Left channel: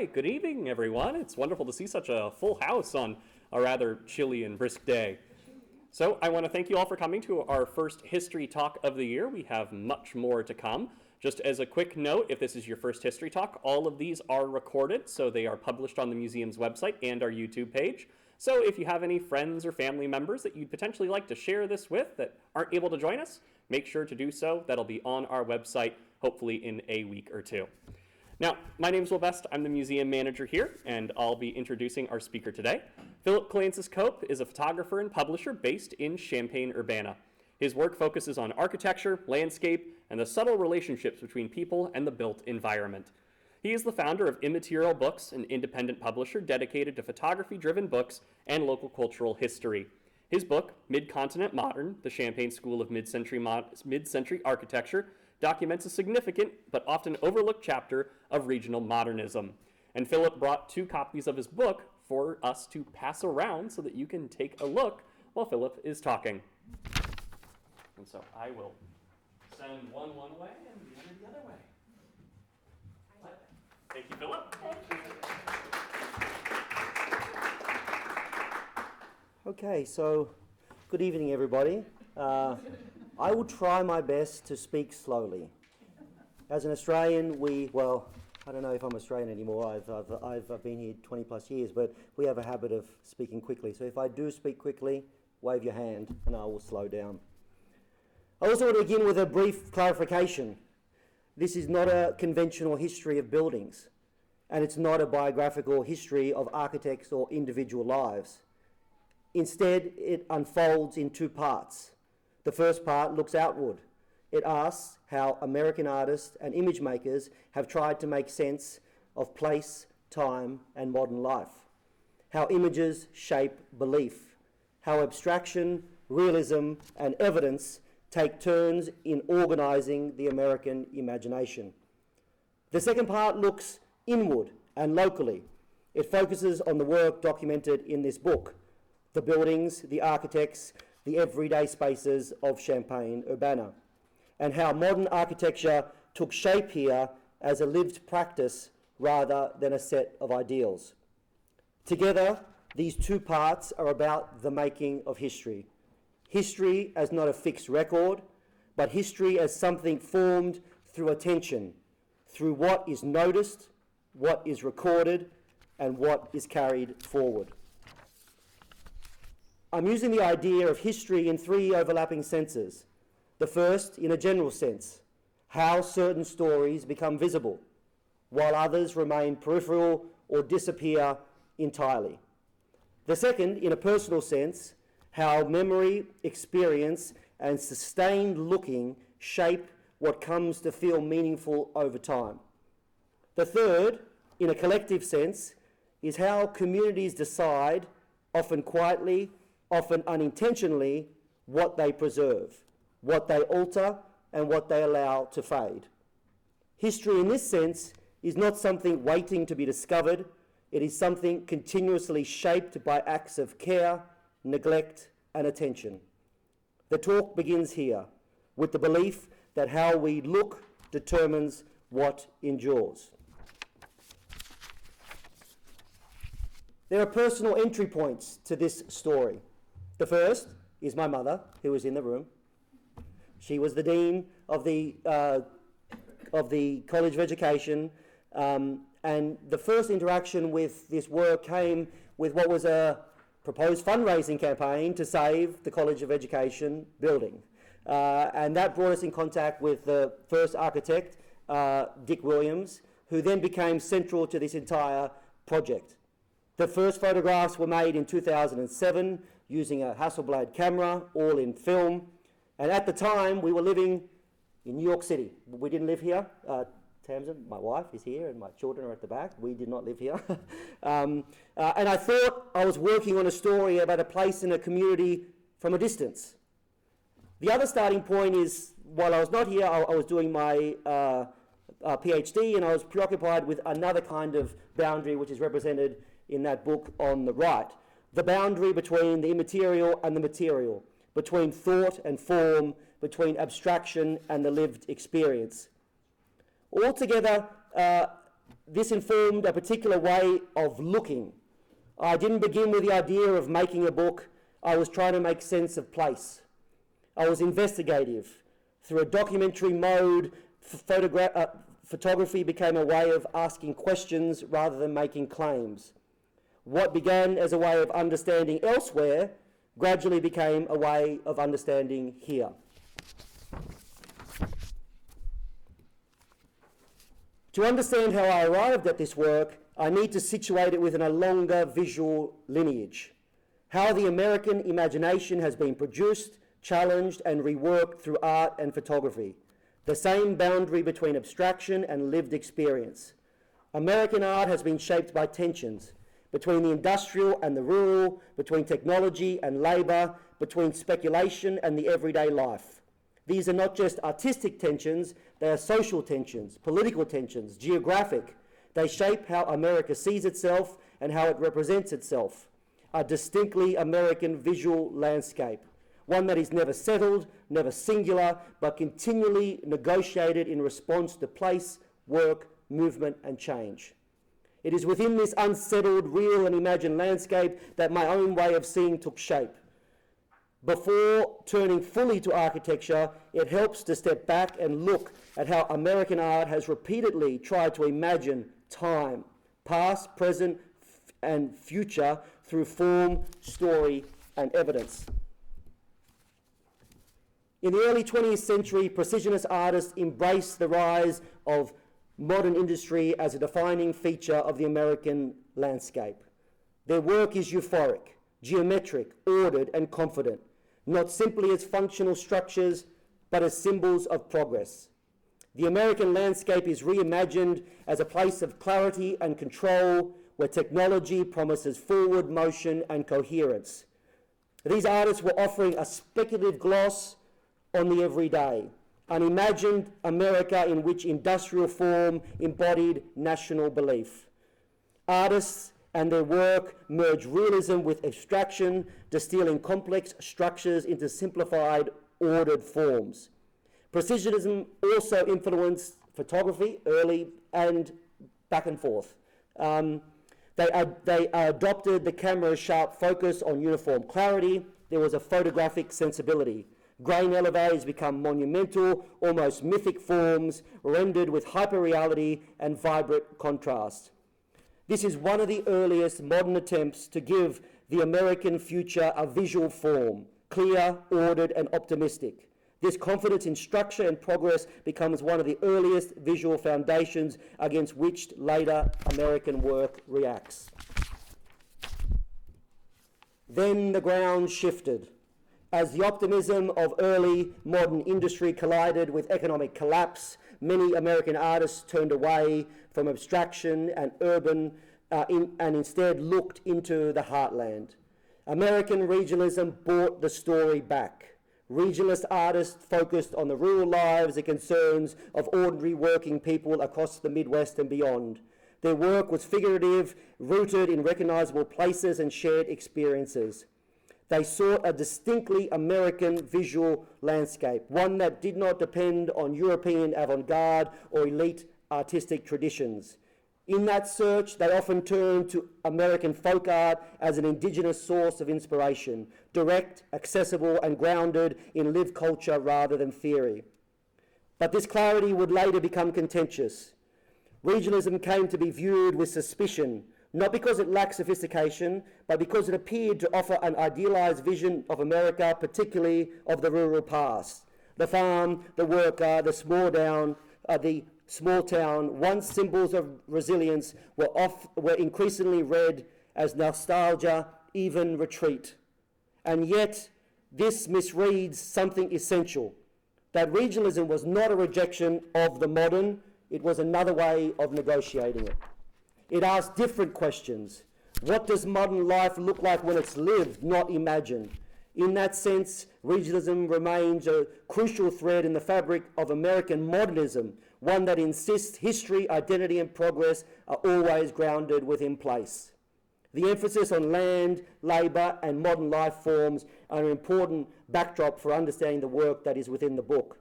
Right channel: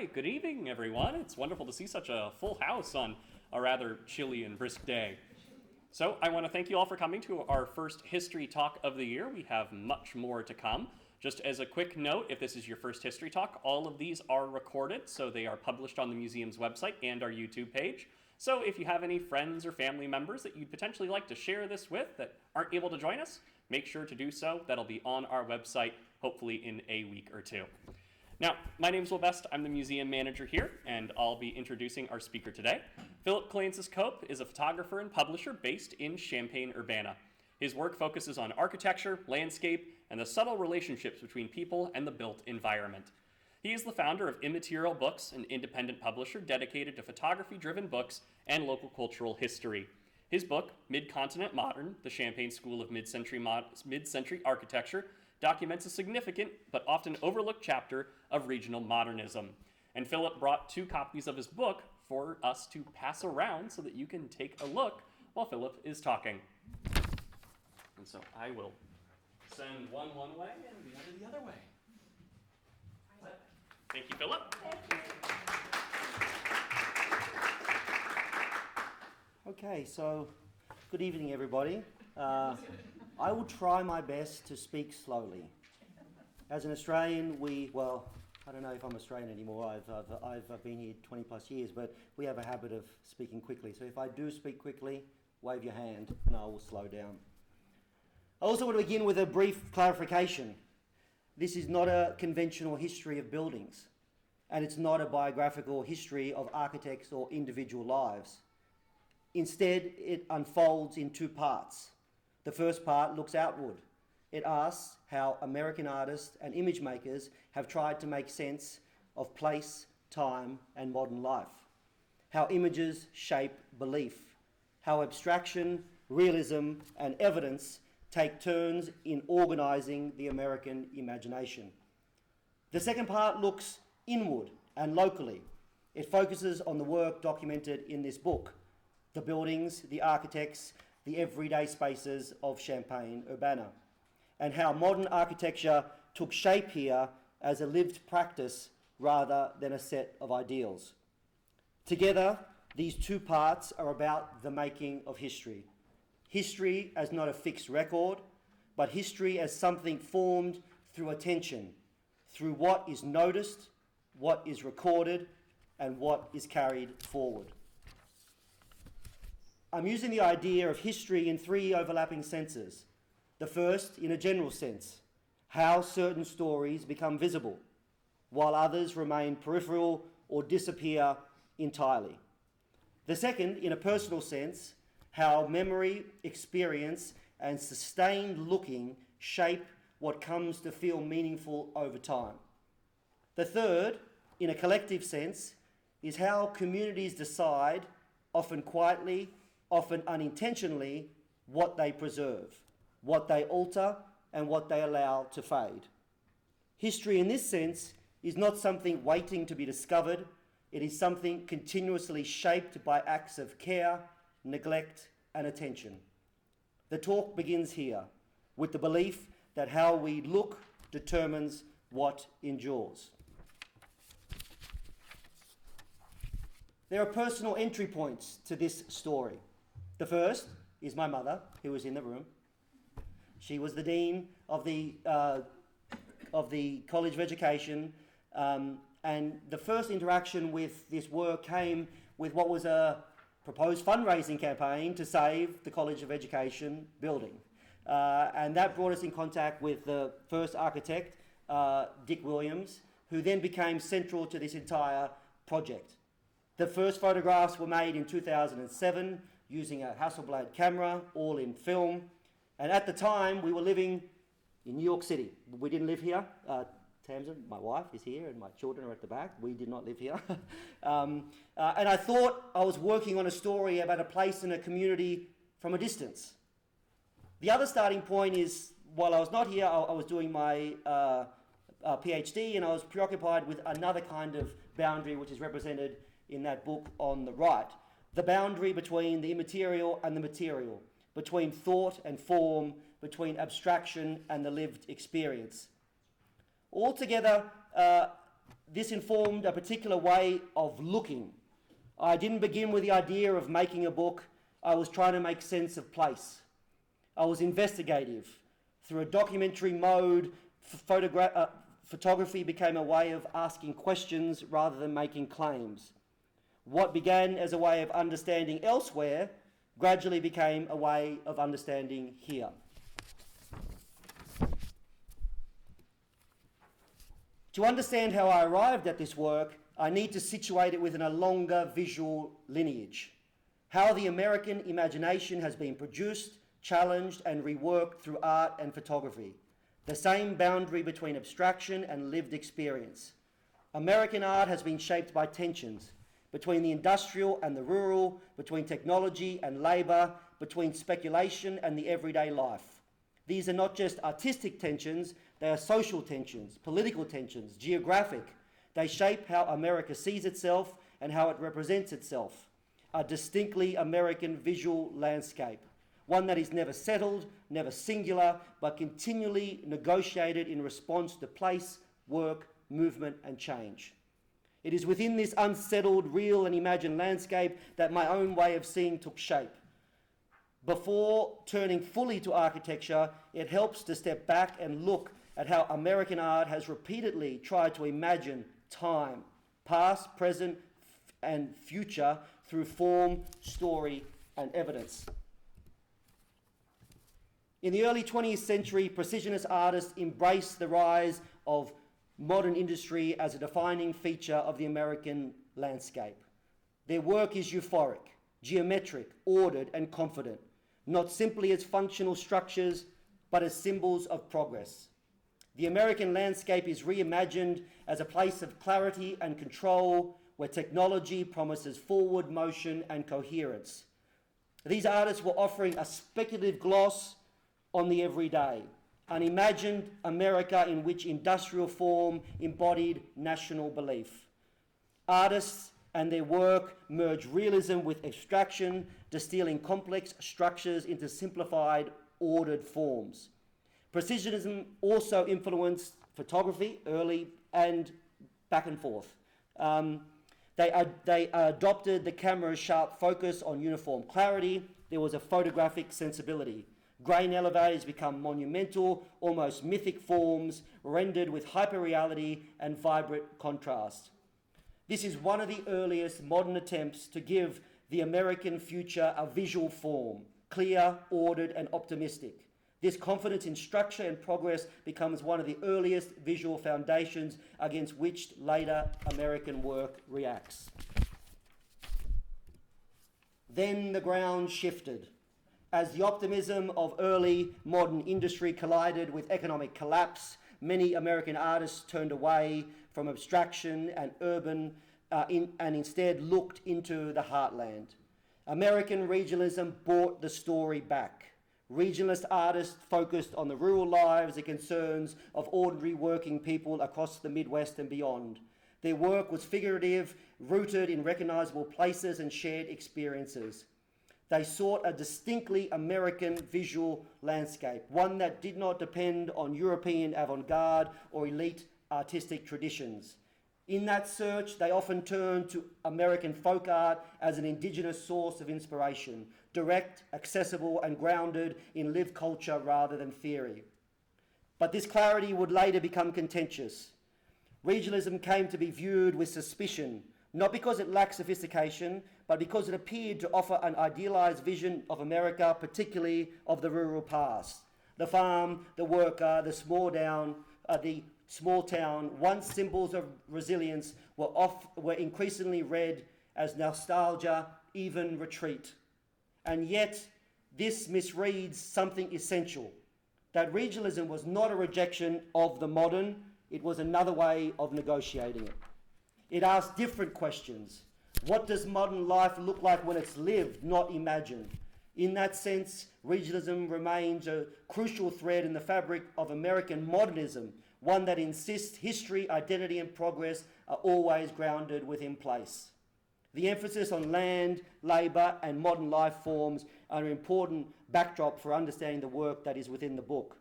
Hi, good evening, everyone. It's wonderful to see such a full house on a rather chilly and brisk day. So I want to thank you all for coming to our first history talk of the year. We have much more to come. Just as a quick note, if this is your first history talk, all of these are recorded, so they are published on the museum's website and our YouTube page. So if you have any friends or family members that you'd potentially like to share this with that aren't able to join us, make sure to do so. That'll be on our website, hopefully in a week or two. Now, my name is Will Best. I'm the museum manager here, and I'll be introducing our speaker today. Phillip Kalantzis Cope is a photographer and publisher based in Champaign, Urbana. His work focuses on architecture, landscape, and the subtle relationships between people and the built environment. He is the founder of Immaterial Books, an independent publisher dedicated to photography-driven books and local cultural history. His book, Mid-Continent Modern, The Champaign School of Mid-Century Architecture, documents a significant but often overlooked chapter of regional modernism. And Philip brought 2 copies of his book for us to pass around so that you can take a look while Philip is talking. And so I will send one way and the other way. Thank you, Philip. Okay, so good evening, everybody. I will try my best to speak slowly. As an Australian, I don't know if I'm Australian anymore. I've been here 20 plus years, but we have a habit of speaking quickly. So if I do speak quickly, wave your hand and I will slow down. I also want to begin with a brief clarification. This is not a conventional history of buildings, and it's not a biographical history of architects or individual lives. Instead, it unfolds in 2 parts. The first part looks outward. It asks how American artists and image makers have tried to make sense of place, time, and modern life. How images shape belief. How abstraction, realism, and evidence take turns in organizing the American imagination. The second part looks inward and locally. It focuses on the work documented in this book, the buildings, the architects, the everyday spaces of Champaign, Urbana, and how modern architecture took shape here as a lived practice rather than a set of ideals. Together, these 2 parts are about the making of history. History as not a fixed record, but history as something formed through attention, through what is noticed, what is recorded, and what is carried forward. I'm using the idea of history in 3 overlapping senses. The first, in a general sense, how certain stories become visible, while others remain peripheral or disappear entirely. The second, in a personal sense, how memory, experience, and sustained looking shape what comes to feel meaningful over time. The third, in a collective sense, is how communities decide, often quietly, often unintentionally, what they preserve, what they alter, and what they allow to fade. History in this sense is not something waiting to be discovered. It is something continuously shaped by acts of care, neglect, and attention. The talk begins here with the belief that how we look determines what endures. There are personal entry points to this story. The first is my mother, who is in the room. She was the dean of the College of Education, and the first interaction with this work came with what was a proposed fundraising campaign to save the College of Education building. And that brought us in contact with the first architect, Dick Williams, who then became central to this entire project. The first photographs were made in 2007 using a Hasselblad camera, all in film. And at the time, we were living in New York City. We didn't live here. Tamsin, my wife, is here, and my children are at the back. We did not live here. And I thought I was working on a story about a place in a community from a distance. The other starting point is, while I was not here, I was doing my PhD, and I was preoccupied with another kind of boundary which is represented in that book on the right. The boundary between the immaterial and the material, between thought and form, between abstraction and the lived experience. Altogether, this informed a particular way of looking. I didn't begin with the idea of making a book. I was trying to make sense of place. I was investigative. Through a documentary mode, photography became a way of asking questions rather than making claims. What began as a way of understanding elsewhere gradually became a way of understanding here. To understand how I arrived at this work, I need to situate it within a longer visual lineage. How the American imagination has been produced, challenged, and reworked through art and photography. The same boundary between abstraction and lived experience. American art has been shaped by tensions between the industrial and the rural, between technology and labour, between speculation and the everyday life. These are not just artistic tensions, they are social tensions, political tensions, geographic. They shape how America sees itself and how it represents itself. A distinctly American visual landscape, one that is never settled, never singular, but continually negotiated in response to place, work, movement, and change. It is within this unsettled, real and imagined landscape that my own way of seeing took shape. Before turning fully to architecture, it helps to step back and look at how American art has repeatedly tried to imagine time, past, present, and future through form, story, and evidence. In the early 20th century, precisionist artists embraced the rise of modern industry as a defining feature of the American landscape. Their work is euphoric, geometric, ordered, and confident, not simply as functional structures, but as symbols of progress. The American landscape is reimagined as a place of clarity and control, where technology promises forward motion and coherence. These artists were offering a speculative gloss on the everyday, an imagined America in which industrial form embodied national belief. Artists and their work merge realism with abstraction, distilling complex structures into simplified, ordered forms. Precisionism also influenced photography early and back and forth. They adopted the camera's sharp focus on uniform clarity. There was a photographic sensibility. Grain elevators become monumental, almost mythic forms, rendered with hyperreality and vibrant contrast. This is one of the earliest modern attempts to give the American future a visual form, clear, ordered, and optimistic. This confidence in structure and progress becomes one of the earliest visual foundations against which later American work reacts. Then the ground shifted. As the optimism of early modern industry collided with economic collapse, many American artists turned away from abstraction and urban and instead looked into the heartland. American regionalism brought the story back. Regionalist artists focused on the rural lives and concerns of ordinary working people across the Midwest and beyond. Their work was figurative, rooted in recognizable places and shared experiences. They sought a distinctly American visual landscape, one that did not depend on European avant-garde or elite artistic traditions. In that search, they often turned to American folk art as an indigenous source of inspiration, direct, accessible, and grounded in lived culture rather than theory. But this clarity would later become contentious. Regionalism came to be viewed with suspicion, not because it lacked sophistication, but because it appeared to offer an idealized vision of America, particularly of the rural past. The farm, the worker, the small town, once symbols of resilience, were increasingly read as nostalgia, even retreat. And yet, this misreads something essential, that regionalism was not a rejection of the modern, it was another way of negotiating it. It asked different questions. What does modern life look like when it's lived, not imagined? In that sense, regionalism remains a crucial thread in the fabric of American modernism, one that insists history, identity, and progress are always grounded within place. The emphasis on land, labour, and modern life forms are an important backdrop for understanding the work that is within the book.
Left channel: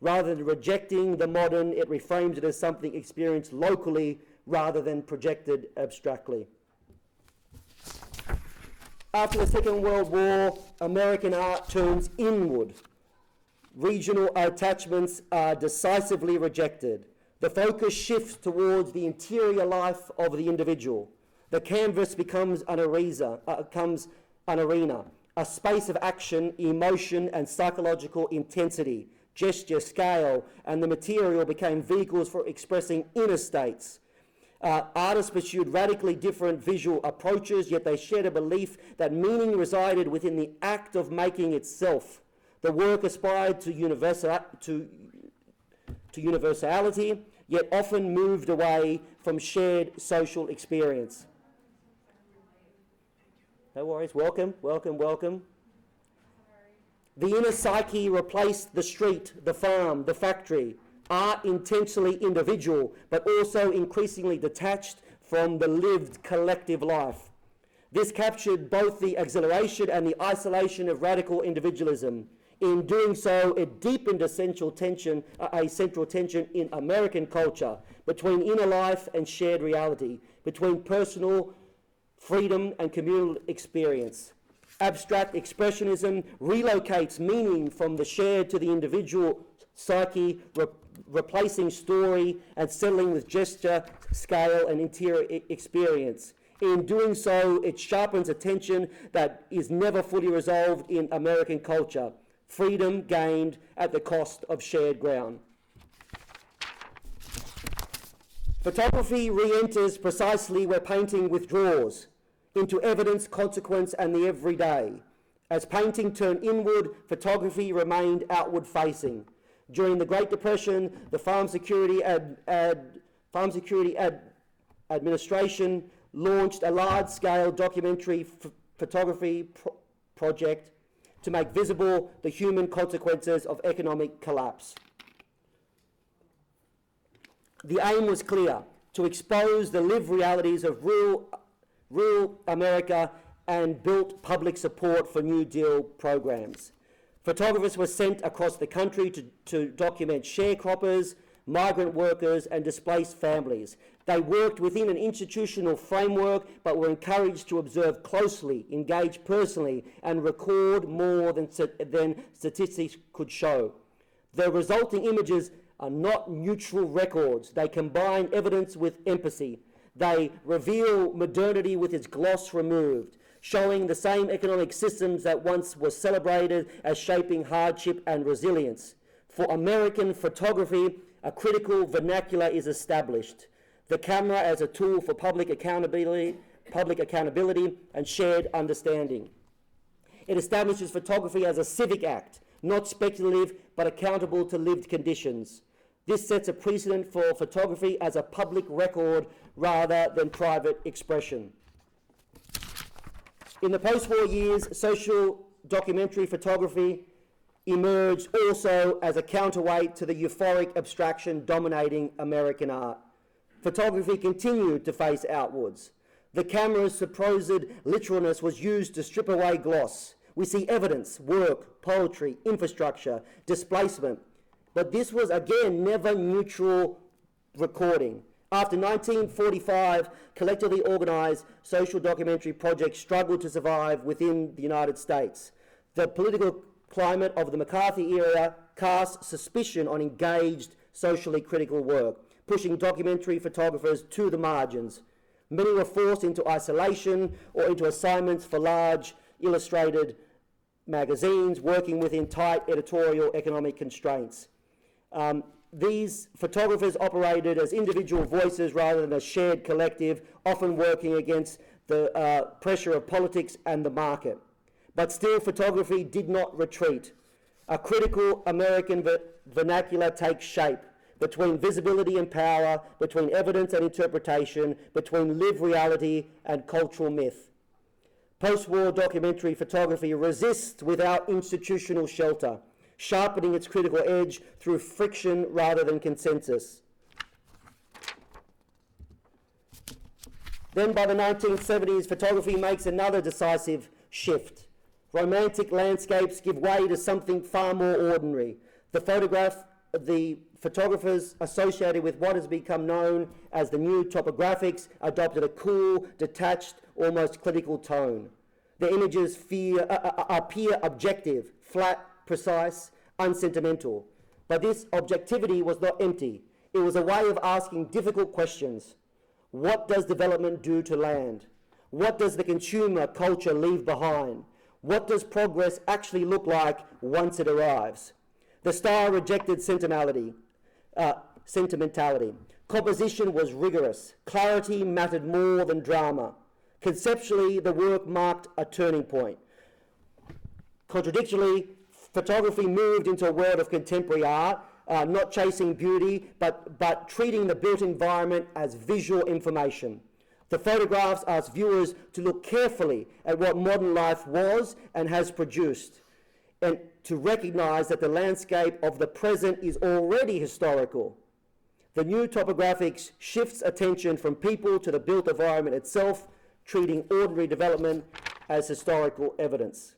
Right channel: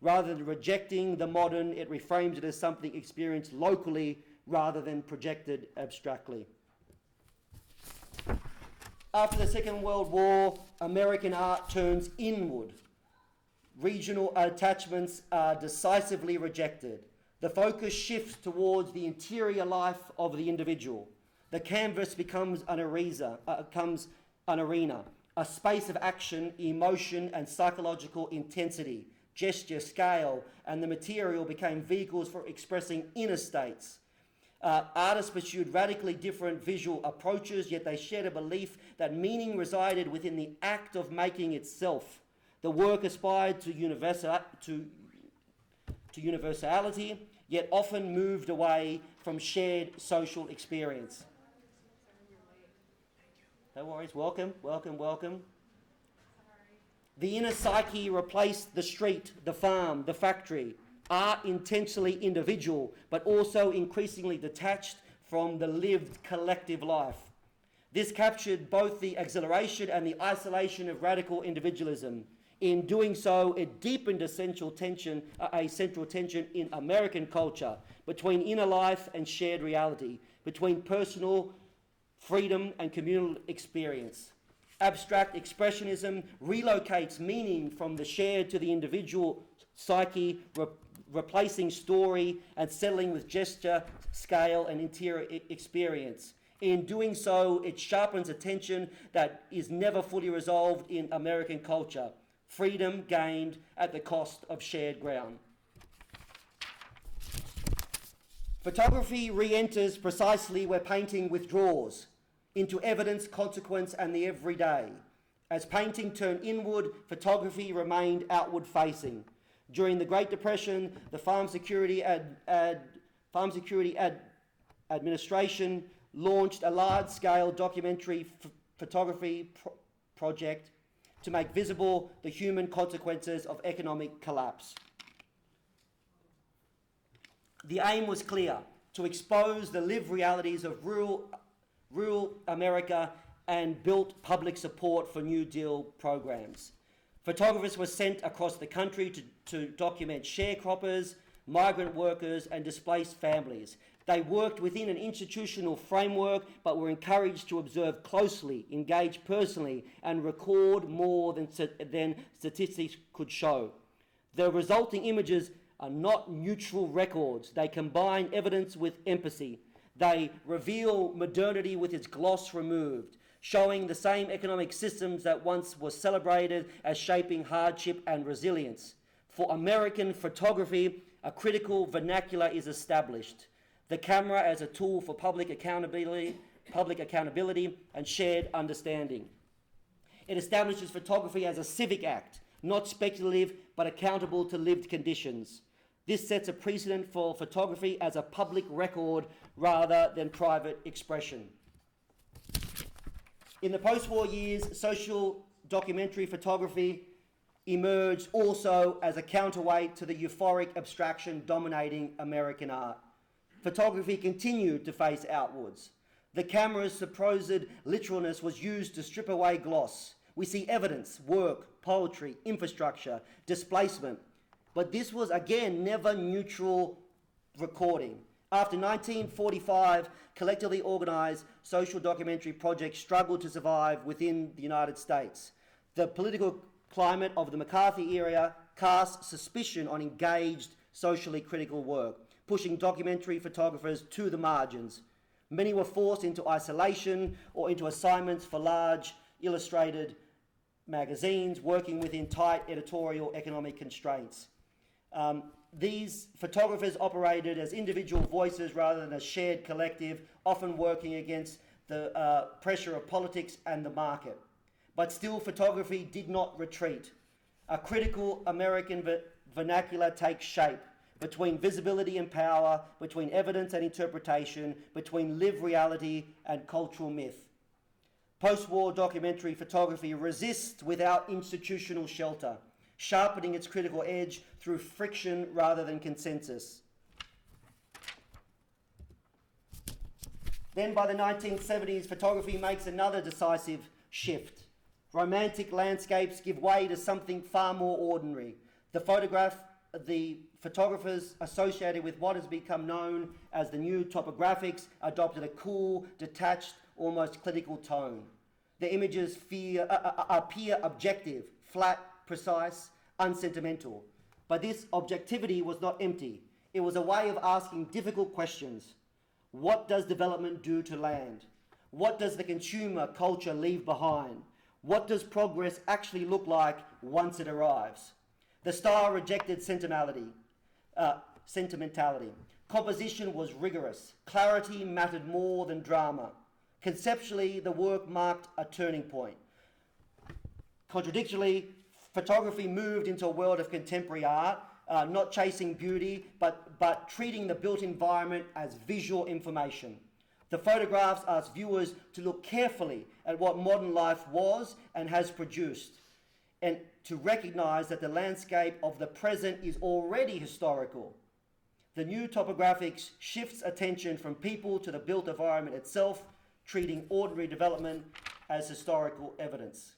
Rather than rejecting the modern, it reframes it as something experienced locally rather than projected abstractly. After the Second World War, American art turns inward. Regional attachments are decisively rejected. The focus shifts towards the interior life of the individual. The canvas becomes an arena, a space of action, emotion, and psychological intensity. Gesture, scale, and the material became vehicles for expressing inner states. Artists pursued radically different visual approaches, yet they shared a belief that meaning resided within the act of making itself. The work aspired to universality, yet often moved away from shared social experience. No worries, welcome, welcome, welcome. The inner psyche replaced the street, the farm, the factory. Art intensely individual, but also increasingly detached from the lived collective life. This captured both the exhilaration and the isolation of radical individualism. In doing so, it deepened a central tension in American culture between inner life and shared reality, between personal freedom and communal experience. Abstract expressionism relocates meaning from the shared to the individual psyche, replacing story and settling with gesture, scale, and interior experience. In doing so, it sharpens a tension that is never fully resolved in American culture. Freedom gained at the cost of shared ground. Photography re-enters precisely where painting withdraws, into evidence, consequence, and the everyday. As painting turned inward, photography remained outward-facing. During the Great Depression, the Farm Security Administration launched a large-scale documentary photography project to make visible the human consequences of economic collapse. The aim was clear: to expose the lived realities of rural America and built public support for New Deal programs. Photographers were sent across the country to document sharecroppers, migrant workers, and displaced families. They worked within an institutional framework, but were encouraged to observe closely, engage personally, and record more than statistics could show. The resulting images are not neutral records. They combine evidence with empathy. They reveal modernity with its gloss removed, showing the same economic systems that once were celebrated as shaping hardship and resilience. For American photography, a critical vernacular is established. The camera as a tool for public accountability and shared understanding. It establishes photography as a civic act, not speculative, but accountable to lived conditions. This sets a precedent for photography as a public record rather than private expression. In the post-war years, social documentary photography emerged also as a counterweight to the euphoric abstraction dominating American art. Photography continued to face outwards. The camera's supposed literalness was used to strip away gloss. We see evidence, work, poetry, infrastructure, displacement. But this was, again, never neutral recording. After 1945, collectively organised social documentary projects struggled to survive within the United States. The political climate of the McCarthy era cast suspicion on engaged, socially critical work, pushing documentary photographers to the margins. Many were forced into isolation or into assignments for large illustrated magazines, working within tight editorial economic constraints. These photographers operated as individual voices rather than a shared collective, often working against the pressure of politics and the market. But still, photography did not retreat. A critical American vernacular takes shape between visibility and power, between evidence and interpretation, between lived reality and cultural myth. Post-war documentary photography resists without institutional shelter, sharpening its critical edge through friction rather than consensus. Then by the 1970s, photography makes another decisive shift. Romantic landscapes give way to something far more ordinary. The photograph the photographers associated with what has become known as the new topographics adopted a cool, detached, almost clinical tone. The images appear objective, flat, precise, unsentimental. But this objectivity was not empty. It was a way of asking difficult questions. What does development do to land? What does the consumer culture leave behind? What does progress actually look like once it arrives? The style rejected sentimentality. Composition was rigorous. Clarity mattered more than drama. Conceptually, the work marked a turning point. Contradictorily, photography moved into a world of contemporary art, not chasing beauty, but treating the built environment as visual information. The photographs asked viewers to look carefully at what modern life was and has produced, and to recognize that the landscape of the present is already historical. The new topographics shifts attention from people to the built environment itself, treating ordinary development as historical evidence.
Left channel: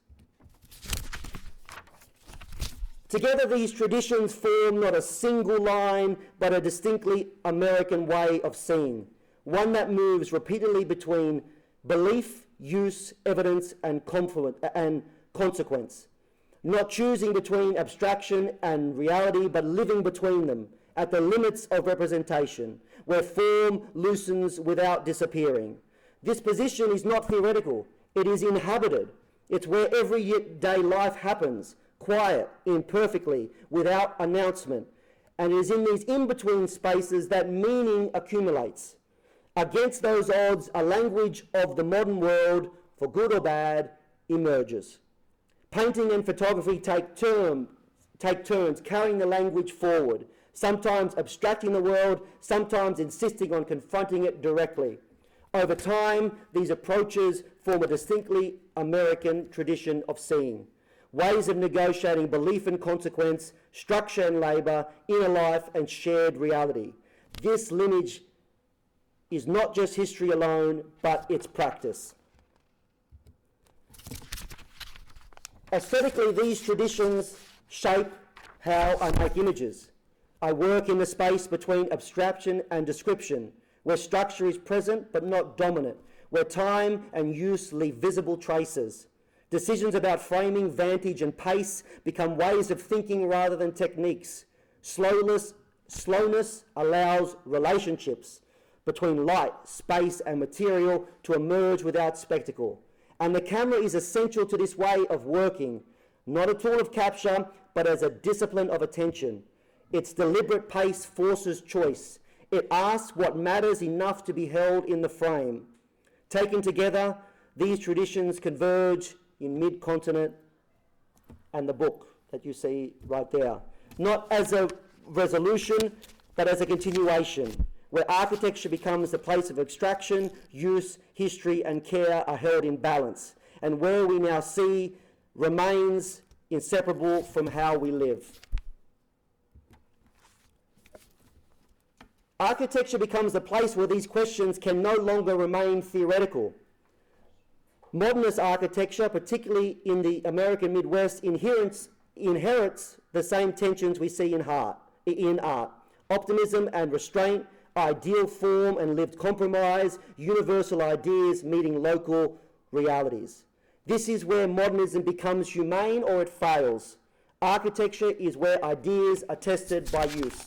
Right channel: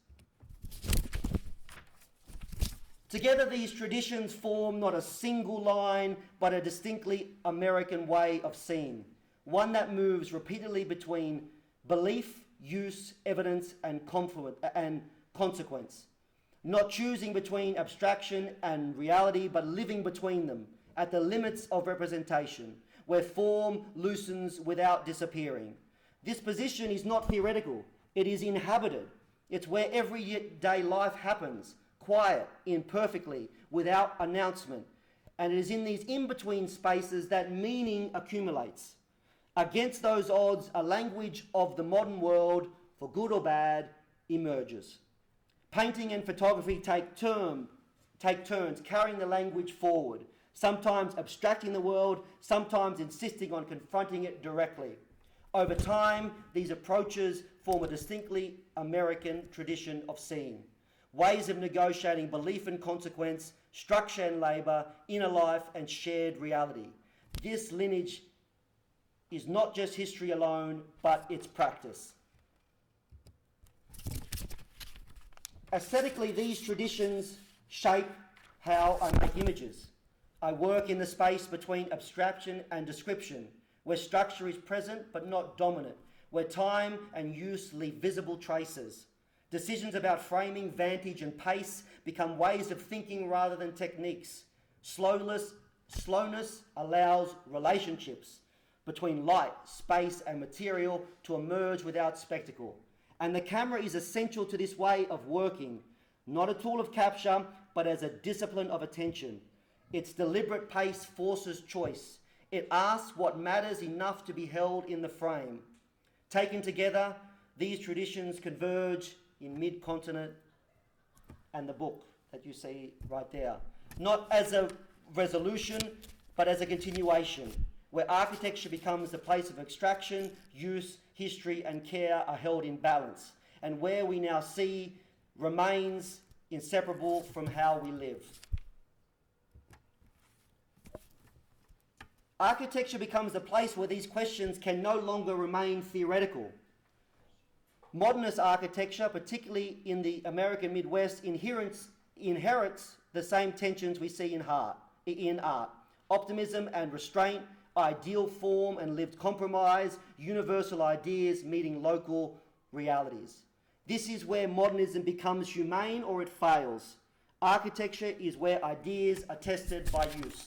Together, these traditions form not a single line, but a distinctly American way of seeing, one that moves repeatedly between belief, use, evidence, and consequence, not choosing between abstraction and reality, but living between them, at the limits of representation, where form loosens without disappearing. This position is not theoretical, it is inhabited. It's where everyday life happens, quiet, imperfectly, without announcement. And it is in these in-between spaces that meaning accumulates. Against those odds, a language of the modern world, for good or bad, emerges. Painting and photography take turns carrying the language forward, sometimes abstracting the world, sometimes insisting on confronting it directly. Over time, these approaches form a distinctly American tradition of seeing, ways of negotiating belief and consequence, structure and labour, inner life and shared reality. This lineage is not just history alone, but its practice. Aesthetically, these traditions shape how I make images. I work in the space between abstraction and description, where structure is present but not dominant, where time and use leave visible traces. Decisions about framing, vantage, and pace become ways of thinking rather than techniques. Slowness allows relationships between light, space, and material to emerge without spectacle. And the camera is essential to this way of working, not a tool of capture, but as a discipline of attention. Its deliberate pace forces choice. It asks what matters enough to be held in the frame. Taken together, these traditions converge in mid-continent and the book that you see right there. Not as a resolution, but as a continuation, where architecture becomes the place of extraction, use, history, and care are held in balance, and where we now see remains inseparable from how we live. Architecture becomes the place where these questions can no longer remain theoretical. Modernist architecture, particularly in the American Midwest, inherits the same tensions we see in art. Optimism and restraint, ideal form and lived compromise, universal ideas meeting local realities. This is where modernism becomes humane or it fails. Architecture is where ideas are tested by use.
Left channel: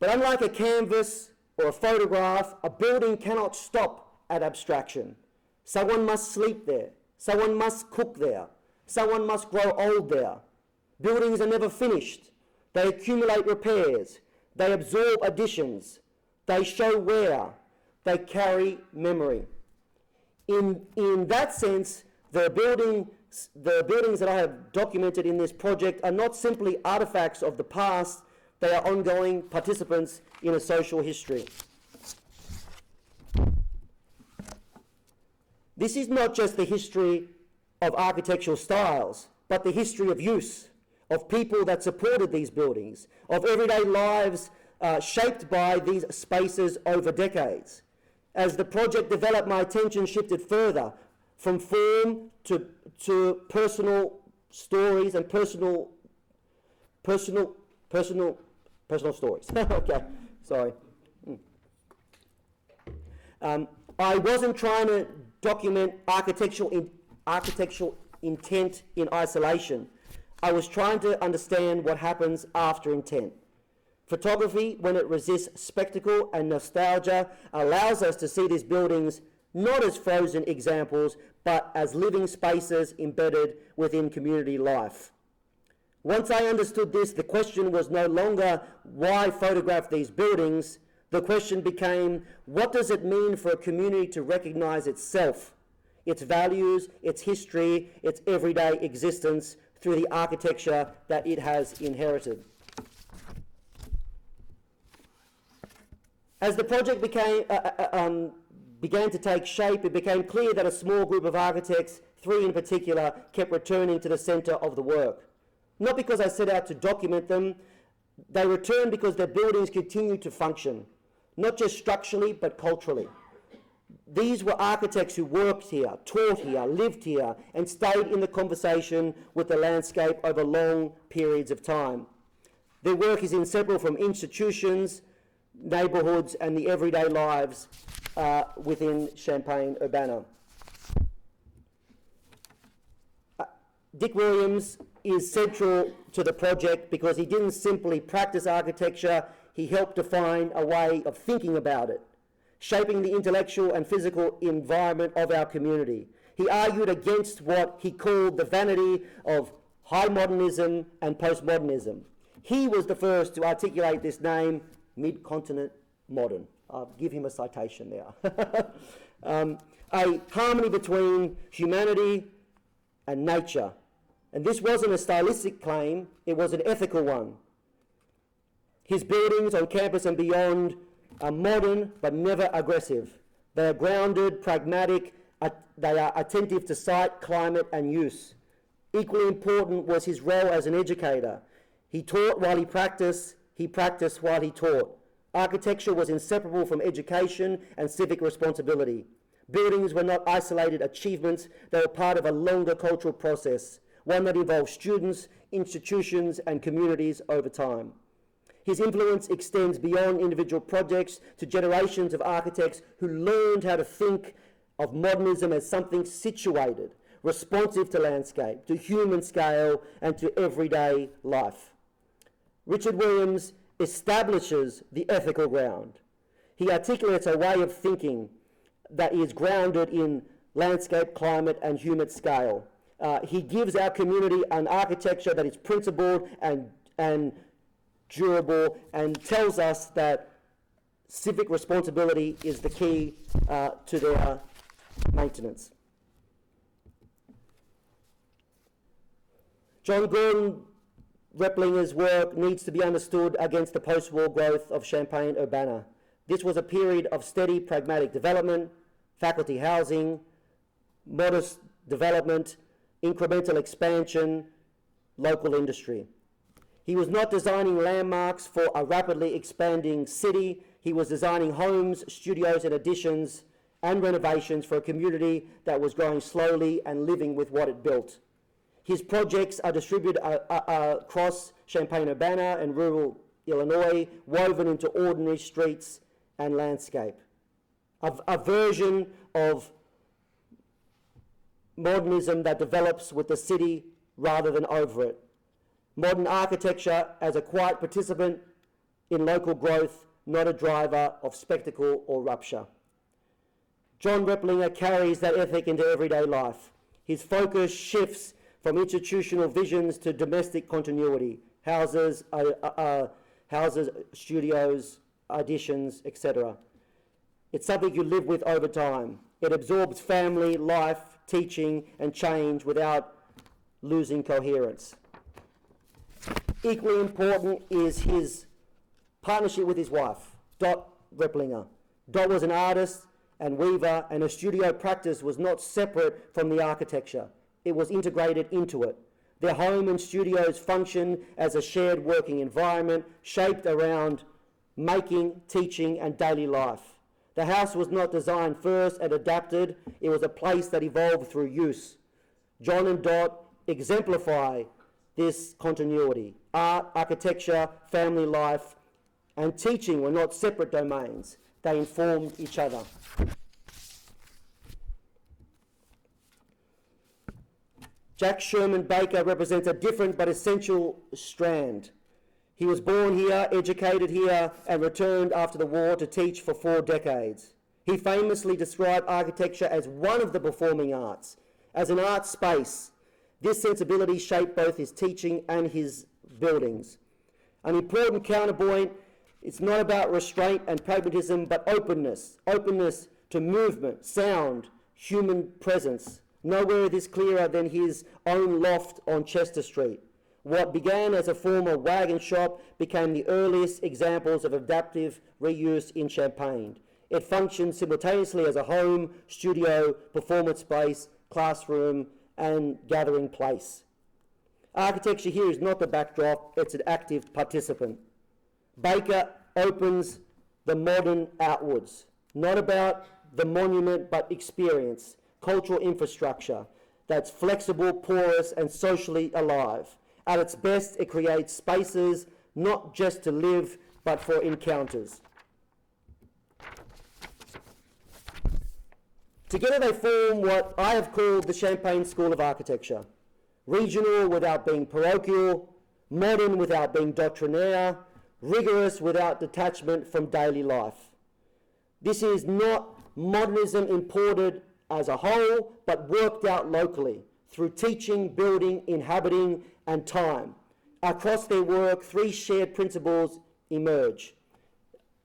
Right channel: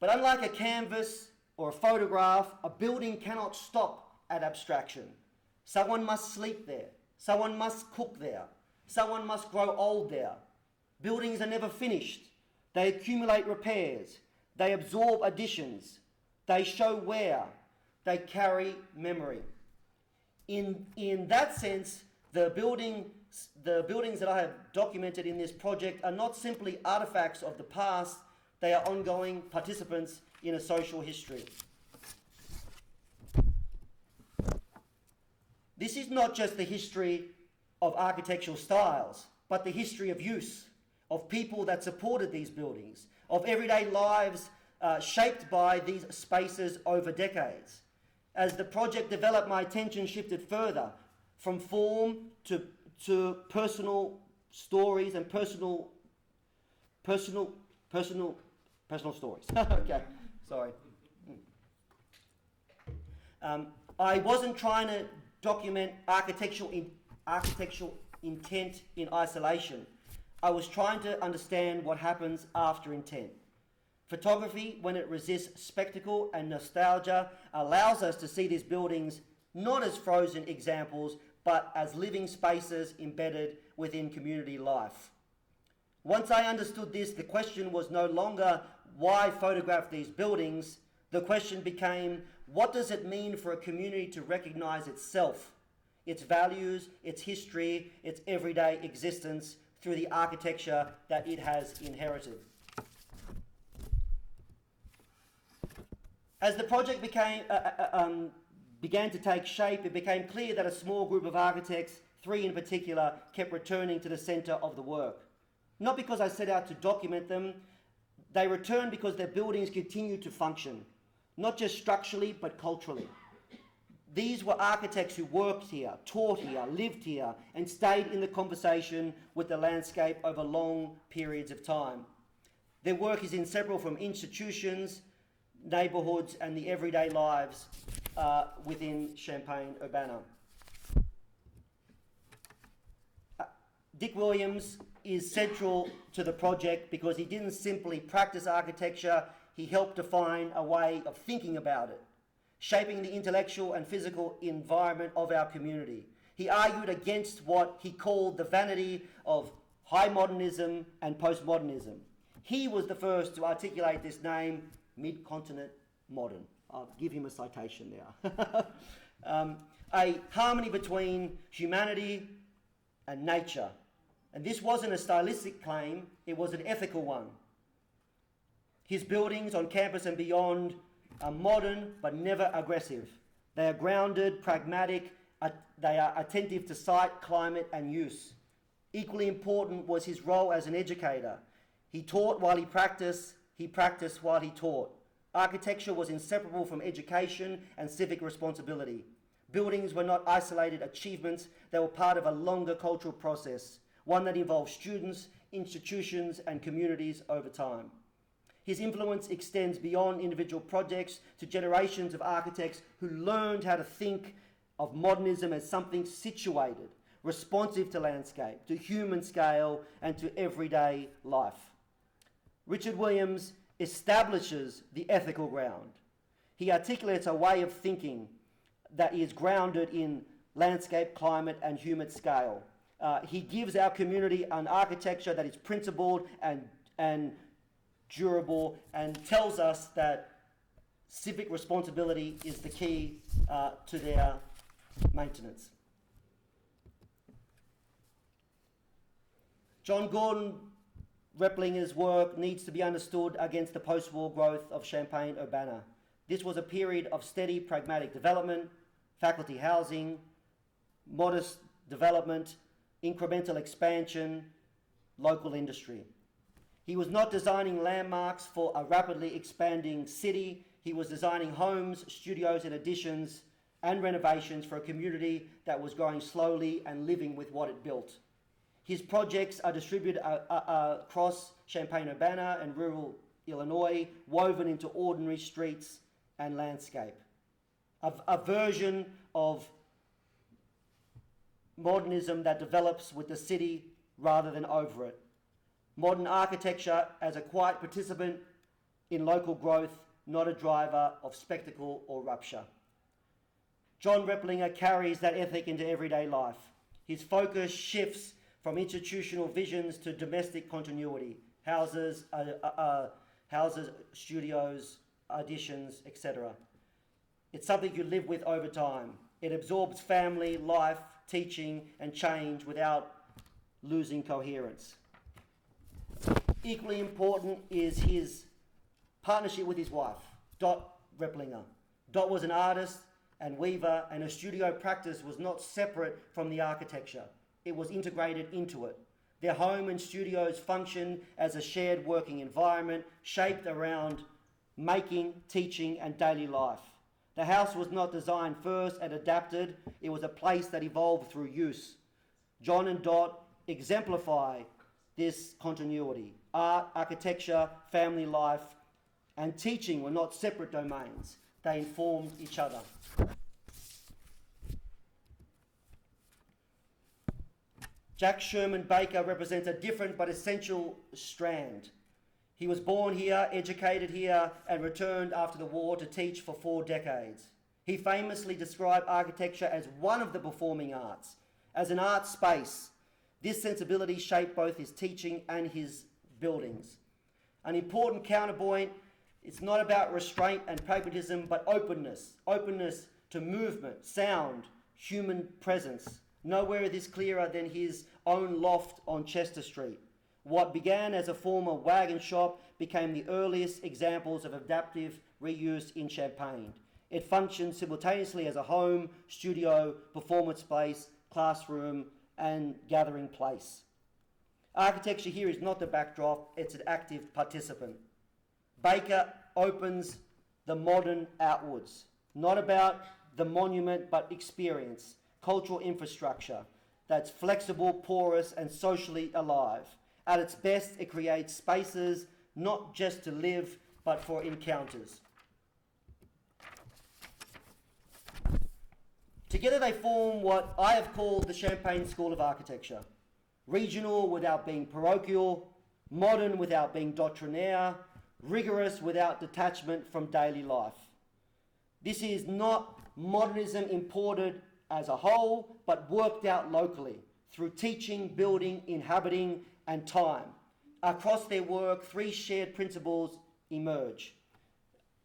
But unlike a canvas or a photograph, a building cannot stop at abstraction. Someone must sleep there. Someone must cook there. Someone must grow old there. Buildings are never finished. They accumulate repairs. They absorb additions. They show wear. They carry memory. In that sense, the buildings that I have documented in this project are not simply artifacts of the past, they are ongoing participants in a social history. This is not just the history of architectural styles, but the history of use, of people that supported these buildings, of everyday lives shaped by these spaces over decades. As the project developed, my attention shifted further from form to personal stories and personal Personal stories. Okay, sorry. I wasn't trying to document architectural intent in isolation. I was trying to understand what happens after intent. Photography, when it resists spectacle and nostalgia, allows us to see these buildings not as frozen examples, but as living spaces embedded within community life. Once I understood this, the question was no longer why photograph these buildings. The question became, what does it mean for a community to recognize itself, its values, its history, its everyday existence through the architecture that it has inherited? As the project began to take shape, it became clear that a small group of architects, 3 in particular, kept returning to the centre of the work. Not because I set out to document them, they returned because their buildings continued to function, not just structurally, but culturally. These were architects who worked here, taught here, lived here, and stayed in the conversation with the landscape over long periods of time. Their work is inseparable from institutions, neighbourhoods, and the everyday lives within Champaign-Urbana. Dick Williams is central to the project because he didn't simply practice architecture, he helped define a way of thinking about it, shaping the intellectual and physical environment of our community. He argued against what he called the vanity of high modernism and postmodernism. He was the first to articulate this name, mid-continent modern. I'll give him a citation there. A harmony between humanity and nature. And this wasn't a stylistic claim, it was an ethical one. His buildings on campus and beyond are modern but never aggressive. They are grounded, pragmatic, they are attentive to site, climate and use. Equally important was his role as an educator. He taught while he practiced while he taught. Architecture was inseparable from education and civic responsibility. Buildings were not isolated achievements, they were part of a longer cultural process, one that involved students, institutions and communities over time. His influence extends beyond individual projects to generations of architects who learned how to think of modernism as something situated, responsive to landscape, to human scale and to everyday life. Richard Williams establishes the ethical ground. He articulates a way of thinking that is grounded in landscape, climate and human scale. He gives our community an architecture that is principled and durable and tells us that civic responsibility is the key to their maintenance. John Gordon Replinger's work needs to be understood against the post-war growth of Champaign-Urbana. This was a period of steady, pragmatic development, faculty housing, modest development, incremental expansion, local industry. He was not designing landmarks for a rapidly expanding city. He was designing homes, studios and additions and renovations for a community that was growing slowly and living with what it built. His projects are distributed across Champaign-Urbana and rural Illinois, woven into ordinary streets and landscape. A version of modernism that develops with the city rather than over it. Modern architecture as a quiet participant in local growth, not a driver of spectacle or rupture. John Replinger carries that ethic into everyday life. His focus shifts from institutional visions to domestic continuity, houses, studios, additions, etc. It's something you live with over time. It absorbs family, life, teaching, and change without losing coherence. Equally important is his partnership with his wife, Dot Replinger. Dot was an artist and weaver, and her studio practice was not separate from the architecture. It was integrated into it. Their home and studios functioned as a shared working environment shaped around making, teaching, and daily life. The house was not designed first and adapted. It was a place that evolved through use. John and Dot exemplify this continuity. Art, architecture, family life, and teaching were not separate domains. They informed each other. Jack Sherman Baker represents a different but essential strand. He was born here, educated here, and returned after the war to teach for 4 decades. He famously described architecture as one of the performing arts, as an art space. This sensibility shaped both his teaching and his buildings. An important counterpoint, it's not about restraint and pragmatism, but openness. Openness to movement, sound, human presence. Nowhere is this clearer than his own loft on Chester Street. What began as a former wagon shop became the earliest examples of adaptive reuse in Champaign. It functioned simultaneously as a home, studio, performance space, classroom, and gathering place. Architecture here is not the backdrop, it's an active participant. Baker opens the modern outwards, not about the monument but experience, cultural infrastructure that's flexible, porous, and socially alive. At its best, it creates spaces not just to live, but for encounters. Together they form what I have called the Champaign School of Architecture. Regional without being parochial, modern without being doctrinaire, rigorous without detachment from daily life. This is not modernism imported as a whole, but worked out locally through teaching, building, inhabiting, and time. Across their work, 3 shared principles emerge,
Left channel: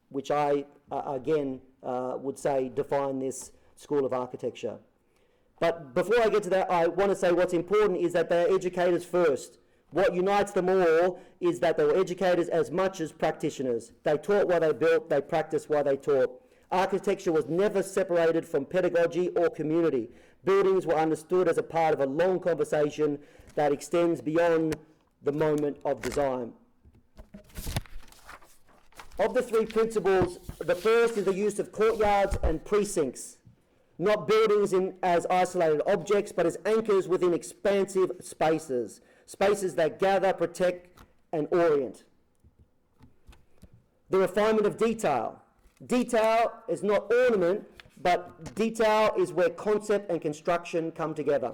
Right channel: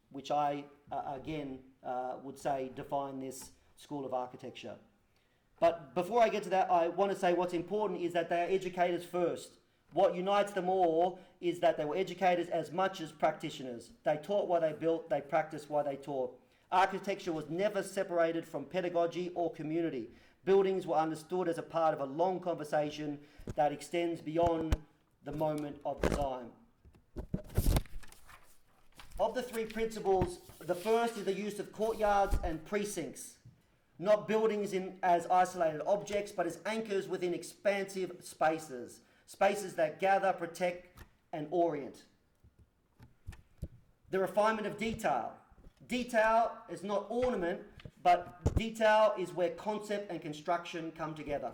which I, would say define this School of Architecture. But before I get to that, I want to say what's important is that they are educators first. What unites them all is that they were educators as much as practitioners. They taught what they built, they practiced what they taught. Architecture was never separated from pedagogy or community. Buildings were understood as a part of a long conversation that extends beyond the moment of design. Of the 3 principles, the first is the use of courtyards and precincts, not buildings as isolated objects, but as anchors within expansive spaces, spaces that gather, protect, and orient. The refinement of detail. Detail is not ornament, but detail is where concept and construction come together.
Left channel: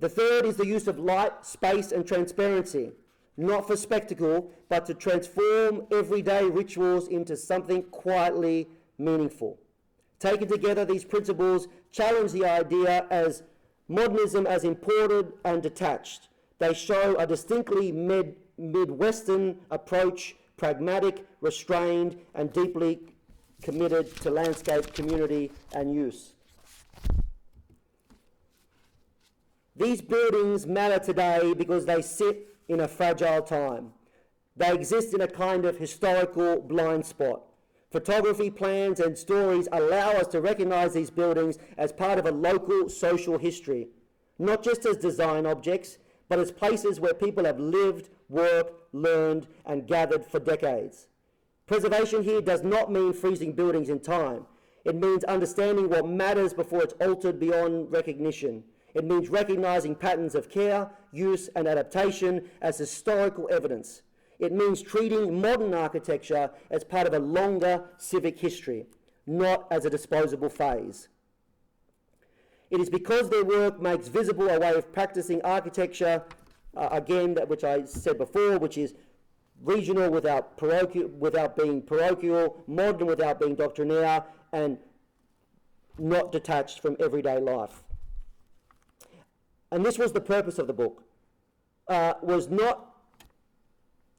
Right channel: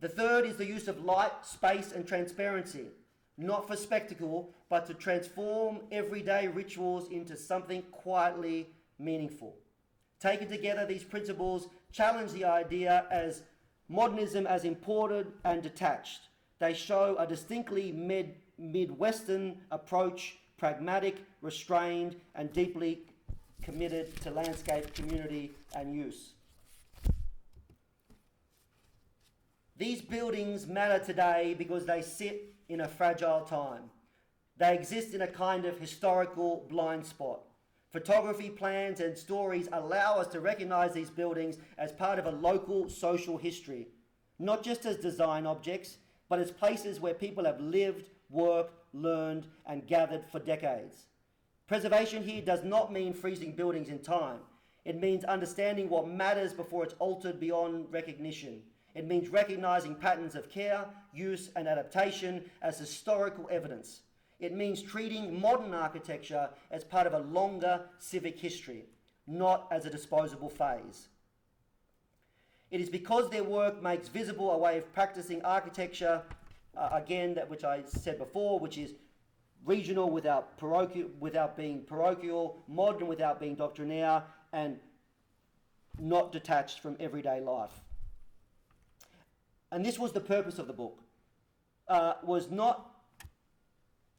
The third is the use of light, space, and transparency, not for spectacle, but to transform everyday rituals into something quietly meaningful. Taken together, these principles challenge the idea as modernism as imported and detached. They show a distinctly Midwestern approach, pragmatic, restrained, and deeply committed to landscape, community, and use. These buildings matter today because they sit in a fragile time. They exist in a kind of historical blind spot. Photography, plans, and stories allow us to recognize these buildings as part of a local social history, not just as design objects, but as places where people have lived, worked, learned, and gathered for decades. Preservation here does not mean freezing buildings in time. It means understanding what matters before it's altered beyond recognition. It means recognizing patterns of care, use, and adaptation as historical evidence. It means treating modern architecture as part of a longer civic history, not as a disposable phase. It is because their work makes visible a way of practicing architecture, which I said before, which is regional without being parochial, modern without being doctrinaire, and not detached from everyday life. And this was the purpose of the book, was not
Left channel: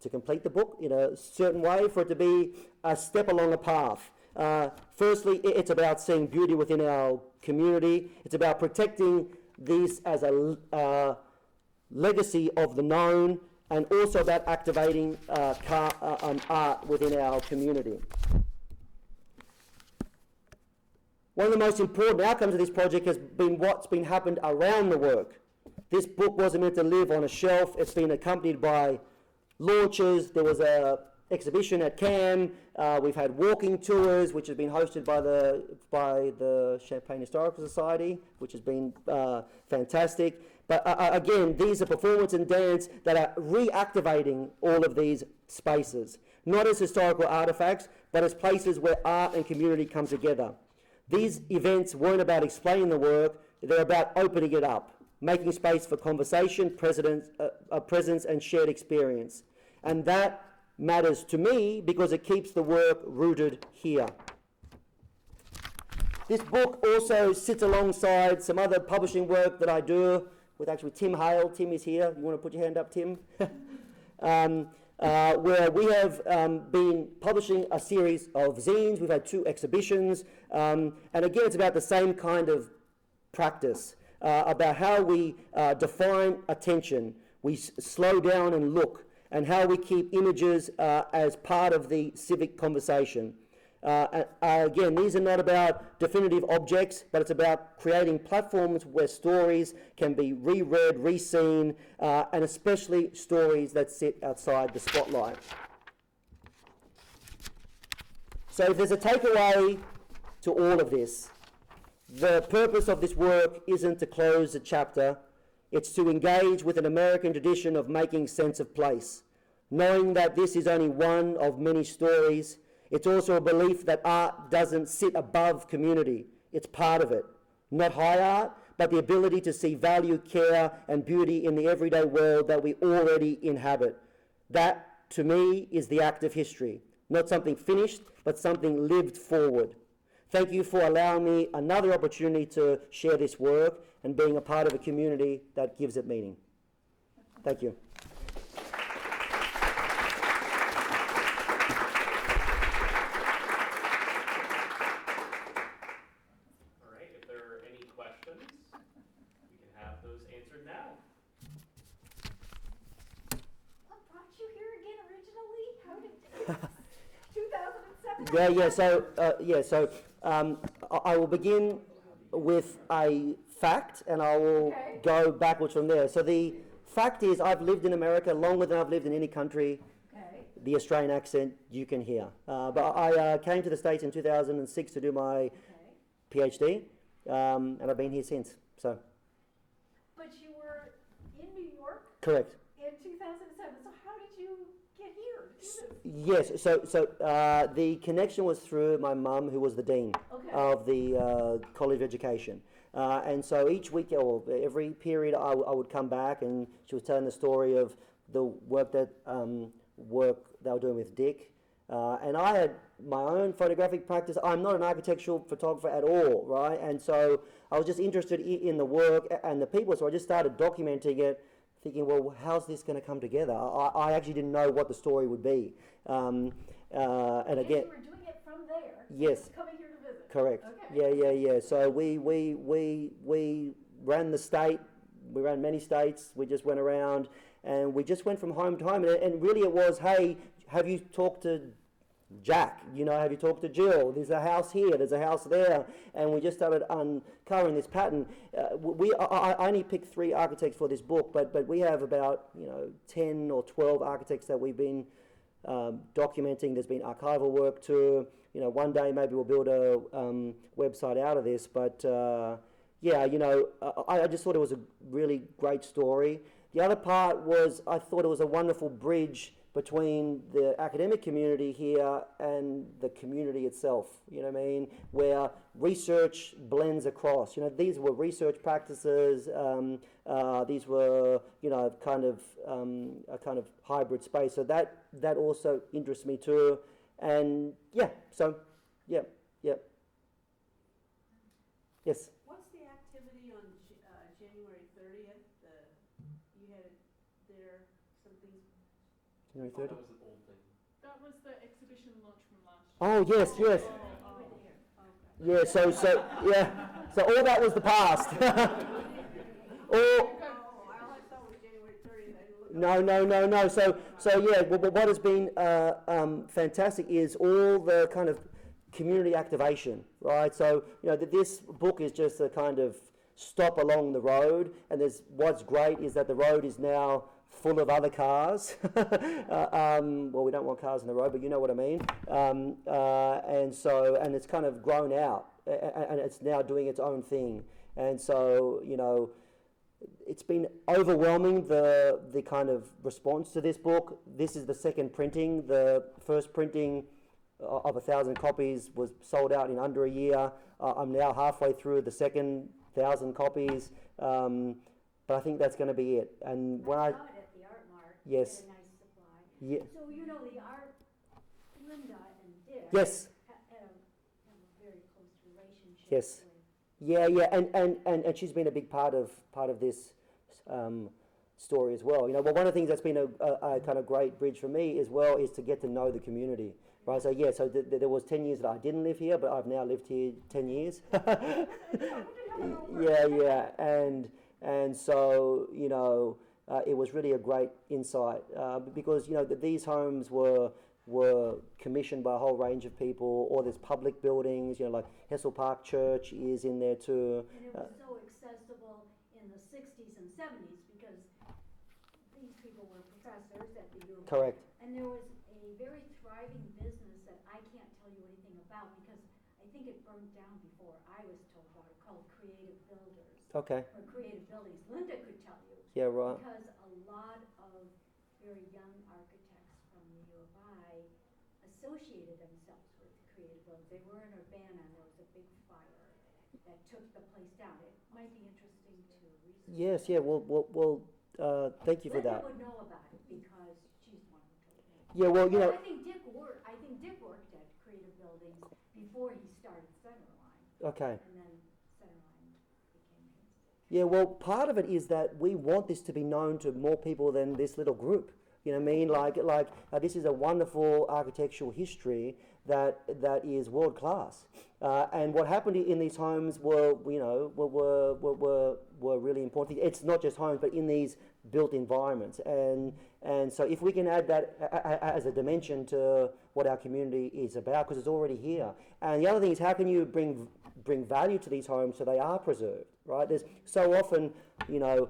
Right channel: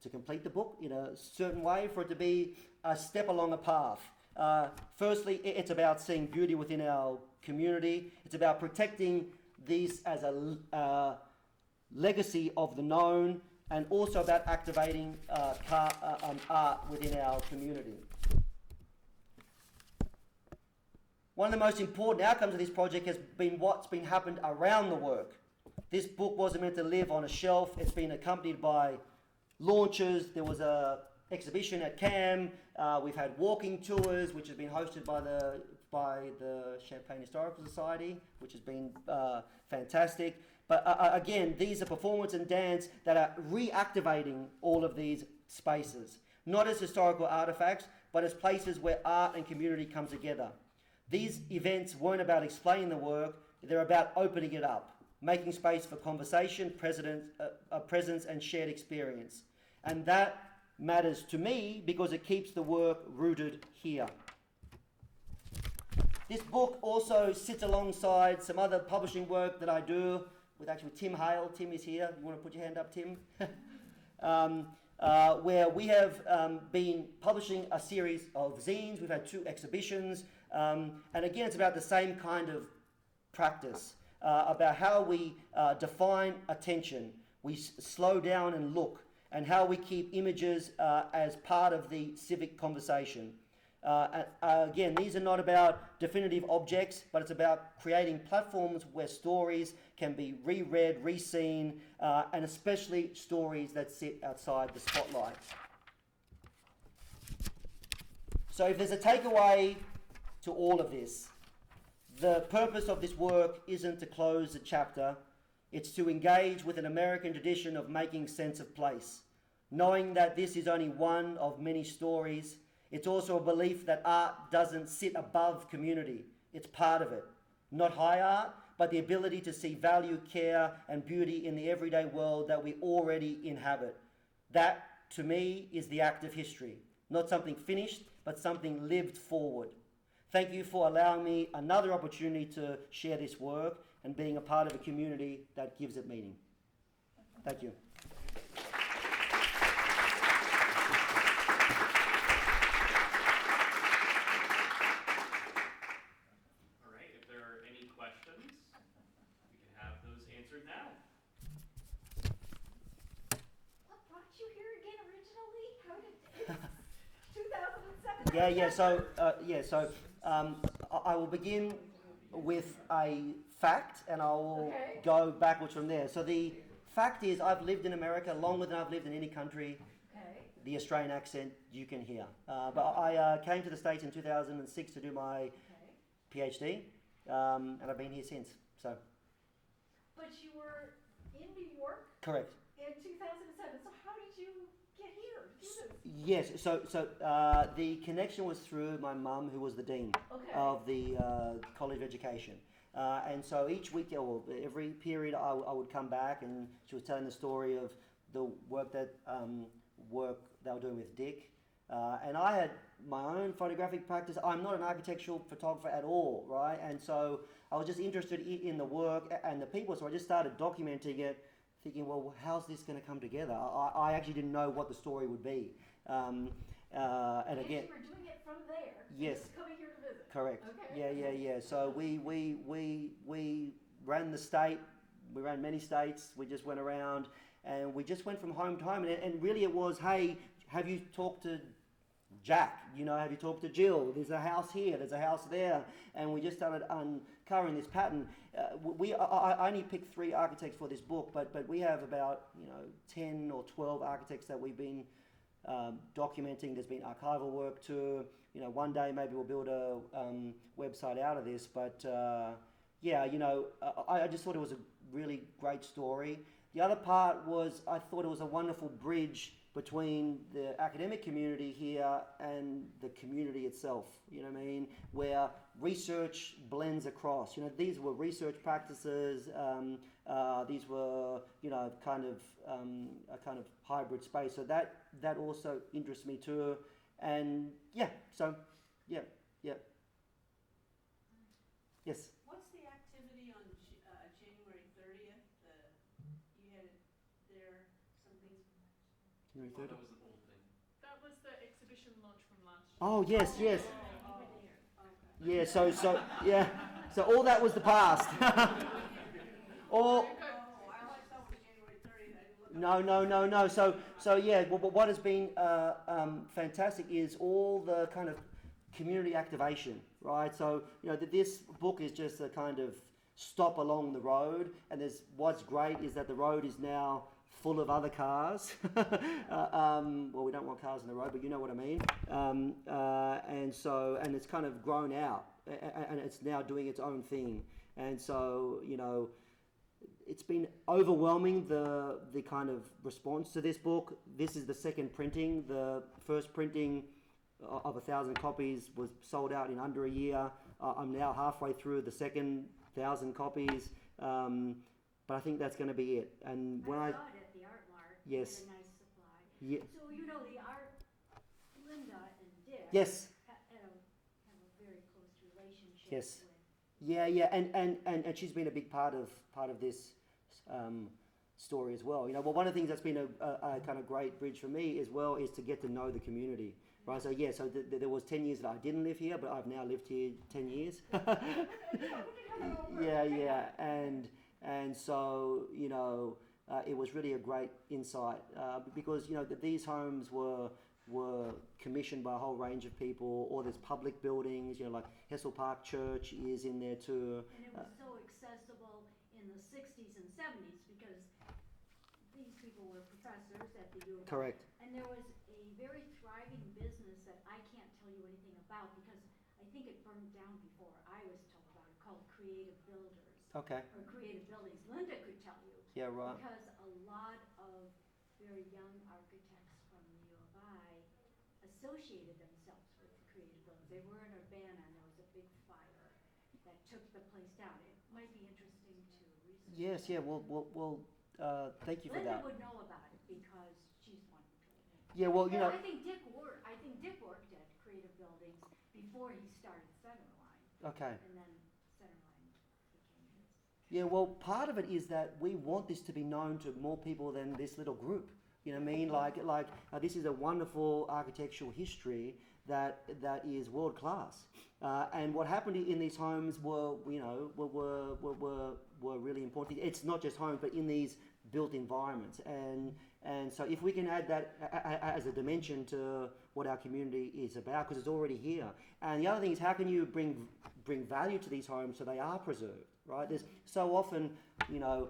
to complete the book in a certain way, for it to be a step along a path. Firstly, it's about seeing beauty within our community. It's about protecting this as a legacy of the known, and also about activating art within our community. One of the most important outcomes of this project has been what's been happened around the work. This book wasn't meant to live on a shelf. It's been accompanied by launches. There was an exhibition at CAM. We've had walking tours, which has been hosted by the Champaign Historical Society, which has been fantastic. But again, these are performance and dance that are reactivating all of these spaces, not as historical artifacts, but as places where art and community come together. These events weren't about explaining the work, they're about opening it up, making space for conversation, presence and shared experience. And that matters to me because it keeps the work rooted here. This book also sits alongside some other publishing work that I do with actually Tim Hale. Tim is here. You want to put your hand up, Tim? Where we have been publishing a series of zines. We've had 2 exhibitions. And again, it's about the same kind of practice, about how we define attention. We slow down and look, and how we keep images as part of the civic conversation. Again, these are not about definitive objects, but it's about creating platforms where stories can be reread, reseen, and especially stories that sit outside the spotlight. So if there's a takeaway to all of this, the purpose of this work isn't to close a chapter, it's to engage with an American tradition of making sense of place, knowing that this is only one of many stories. It's also a belief that art doesn't sit above community. It's part of it. Not high art, but the ability to see value, care, and beauty in the everyday world that we already inhabit. That, to me, is the act of history. Not something finished, but something lived forward. Thank you for allowing me another opportunity to share this work and being a part of a community that gives it meaning. Thank you. Now. What brought you here again originally? How did 2007? I will begin with a fact, and I will go backwards from there. So the fact is, I've lived in America longer than I've lived in any country. The Australian accent you can hear. But I came to the States in 2006 to do my PhD, and I've been here since. So. But you were in New York? Correct. In 2007. So how did you get here to do Yes, this? so the connection was through my mum, who was the dean of the College of Education. And so each week, or every period, I would come back, and she was telling the story of the work that they were doing with Dick. And I had my own photographic practice. I'm not an architectural photographer at all, right? And so I was just interested in the work and the people, so I just started documenting it, thinking, well, how's this going to come together? I actually didn't know what the story would be. And again, you were doing it from there. Yes. Just coming here to visit. Correct. Okay. Yeah. So we ran the state. We ran many states. We just went around, and we just went from home to home. And really, it was, hey, have you talked to Jack? Have you talked to Jill? There's a house here. There's a house there. And we just started uncovering this pattern. I only picked 3 architects for this book, but we have about 10 or 12 architects that we've been documenting. There's been archival work too. One day maybe we'll build a website out of this. But I just thought it was a really great story. The other part was I thought it was a wonderful bridge between the academic community here and the community itself, where research blends across. These were research practices, these were, a kind of hybrid space. So that also interests me too. And yes. What's the activity on January 30th? You had there some things. January 30th? That was an old thing. That was the exhibition launch from last year. Oh, yes. Yeah, so all that was the past. No. What has been fantastic is all the kind of community activation, right? So, this book is just a kind of stop along the road, and what's great is that the road is now full of other cars. Well, we don't want cars on the road, but you know what I mean. And it's kind of grown out, and it's now doing its own thing. And so, it's been overwhelming, the kind of response to this book. This is the second printing. The first printing of 1,000 copies was sold out in under a year. I'm now halfway through the second 1,000 copies, but I think that's going to be it. And when I saw it at the Art Mart. Yes. A nice supply. Yeah. So you know the art, Linda and Dick. Yes. Have a very close relationship. Yes. With, And she's been a big part of this story as well. You know, well, one of the things that's been a kind of great bridge for me as well is to get to know the community. Right, so yeah, so there was 10 years that I didn't live here, but I've now lived here 10 years. yeah, and so, you know, it was really a great insight because, you know, these homes were commissioned by a whole range of people, or there's public buildings, you know, like Hessel Park Church is in there too. and it was so accessible in the 60s and 70s because these people were professors at the U of A. Correct. And there was a very thriving business that I can't tell you anything about because I think it burned down before I was told about it, called Creative Builders. Okay. Or Creative Buildings. Linda could tell you. Yeah, right. Because a lot of very young architects from the U of I associated themselves with Creative Buildings. They were in Urbana and there was a big fire that took the place down. It might be interesting to research. Yes, yeah, well, thank you for Linda that. would know about it because she's the one who told me. Yeah, well, you know, I think Dick worked at Creative Buildings before he started Centerline, okay. and then Centerline became his. Yeah, well, part of it is that we want this to be known to more people than this little group. You know what I mean? Like this is a wonderful architectural history that is world class. And what happened in these homes were really important. It's not just homes, but in these built environments. And so if we can add that as a dimension to what our community is about, because it's already here. And the other thing is, how can you bring value to these homes so they are preserved, right? There's so often, you know,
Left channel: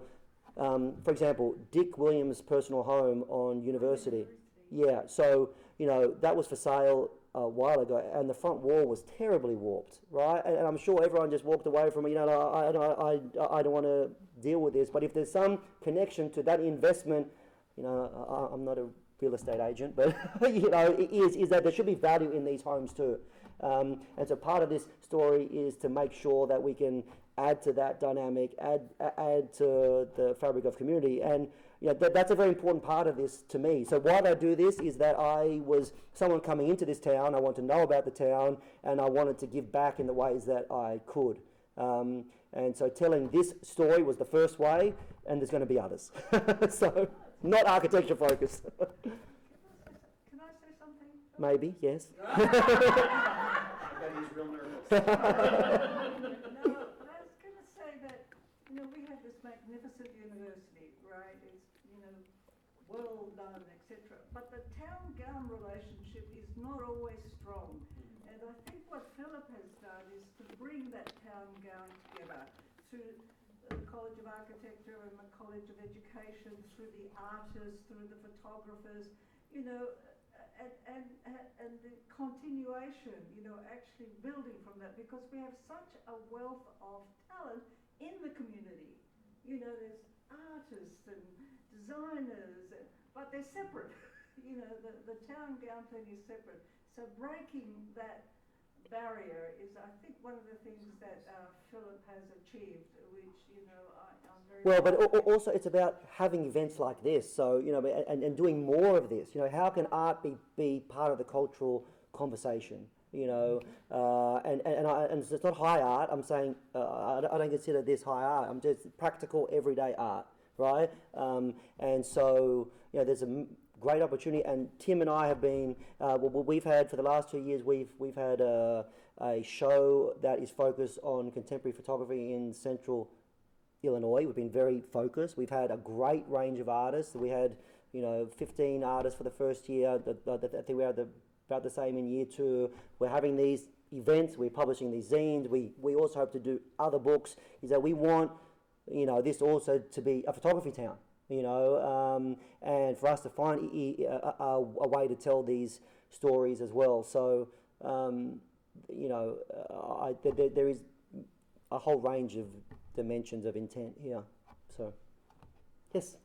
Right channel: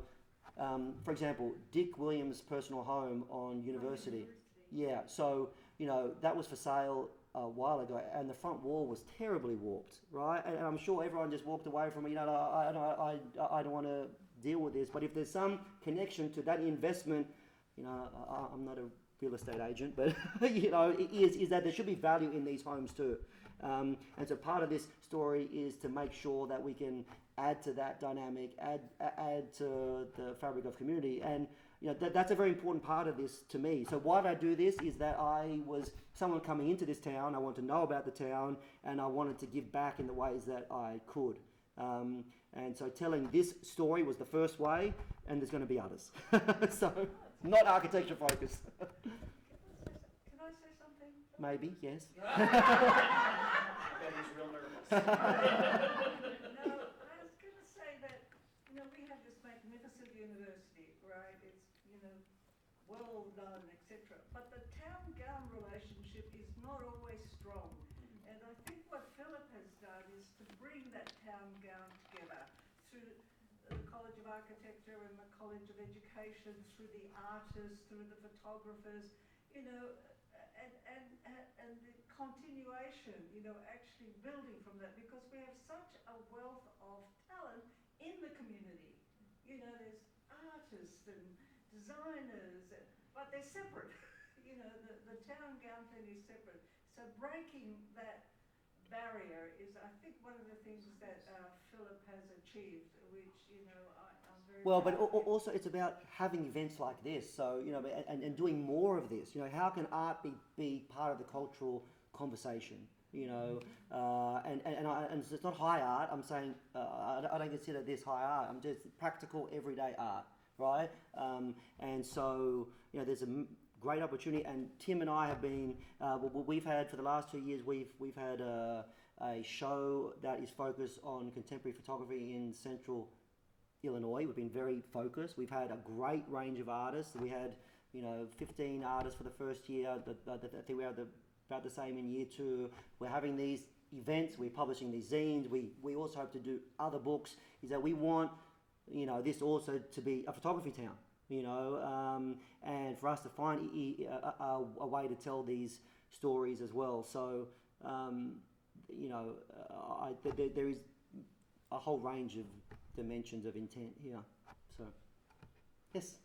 for example, Dick Williams' personal home on University. Yeah, so, you know, that was for sale a while ago, and the front wall was terribly warped, right? And I'm sure everyone just walked away from it, you know, I don't want to deal with this. But if there's some connection to that investment, you know, I'm not a real estate agent, but, you know, is that there should be value in these homes too. And so part of this story is to make sure that we can add to that dynamic, add to the fabric of community. And you know, that's a very important part of this to me. So why I do this is that I was someone coming into this town, I want to know about the town, and I wanted to give back in the ways that I could. And so telling this story was the first way, and there's going to be others. So not architecture focused. Can I say something? Maybe, yes. I bet he's real nervous. No, I was going to say that, you know, we have this magnificent university, right? It's, you know, well done, etc. But the town-gown relationship is not always strong. And I think what Phillip has done is to bring that town-gown together through the College of Architecture and the College of Education, through the artists, through the photographers, you know, and the continuation, you know, actually building from that, because we have such a wealth of talent in the community. You know, there's artists and designers, but they're separate. You know, the town gown thing is separate. So breaking that barrier is, I think, one of the things that Phillip has achieved, which, you know, I'm very Well, but proud of. also it's about having events like this. So, you know, and doing more of this. You know, how can art be part of the cultural conversation? You know, and it's not high art. I'm saying I don't consider this high art. I'm just practical everyday art, right? And so, you know, there's a great opportunity. And Tim and I have been. We've had for the last 2 years. We've had a show that is focused on contemporary photography in Central Illinois. We've been very focused. We've had a great range of artists. We had, you know, 15 artists for the first year. I think we had about the same in year 2. We're having these events. We're publishing these zines. We also hope to do other books. Is that we want, you know, this also to be a photography town. You know, and for us to find a way to tell these stories as well. So, you know, there is a whole range of dimensions of intent here. So, Yes.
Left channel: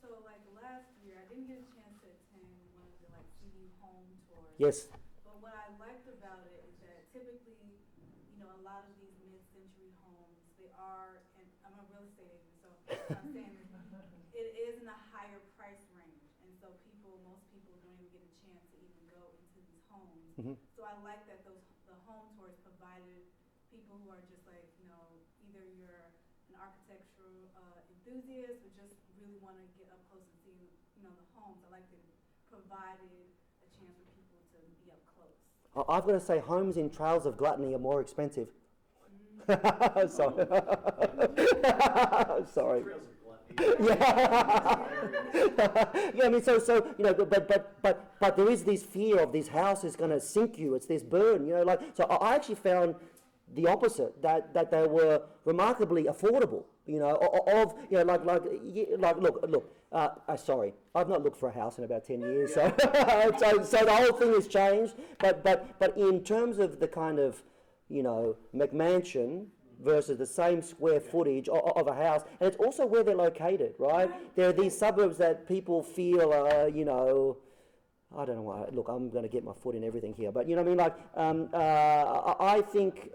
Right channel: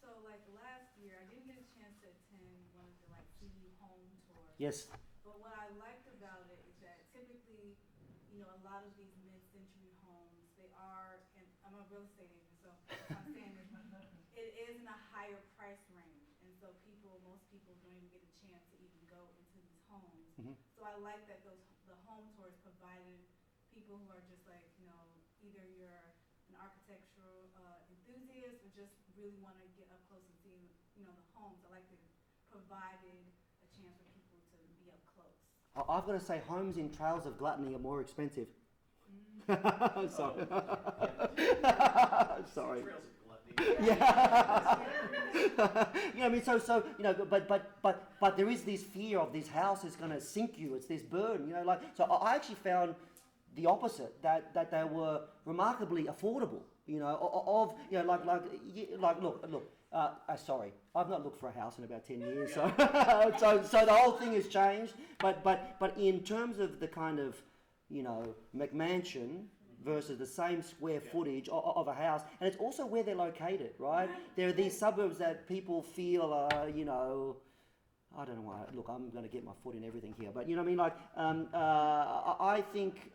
So like last year, I didn't get a chance to attend one of the like CD home tours. Yes. But what I liked about it is that typically, you know, a lot of these mid-century homes, they are, and I'm a real estate agent, so I'm saying it is in a higher price range, and so most people don't even get a chance to even go into these homes. Mhm. So I like that the home tours provided people who are just like, you know, either you're an architectural enthusiast or just really want to get up close and see, you know, the homes. I like that it provided a chance for people to be up close. I've got to say, homes in Trails of Gluttony are more expensive. Sorry. Sorry. Trails of gluttony. Yeah. Yeah, I mean, so you know, but there is this fear of this house is going to sink you. It's this burden, you know. Like, so I actually found the opposite, that they were remarkably affordable. You know, you know, like look. Sorry, I've not looked for a house in about 10 years, so so the whole thing has changed. But in terms of the kind of, you know, McMansion versus the same square footage of a house, and it's also where they're located, right? There are these suburbs that people feel are, you know, I don't know why. Look, I'm going to get my foot in everything here, but you know what I mean. Like, I think,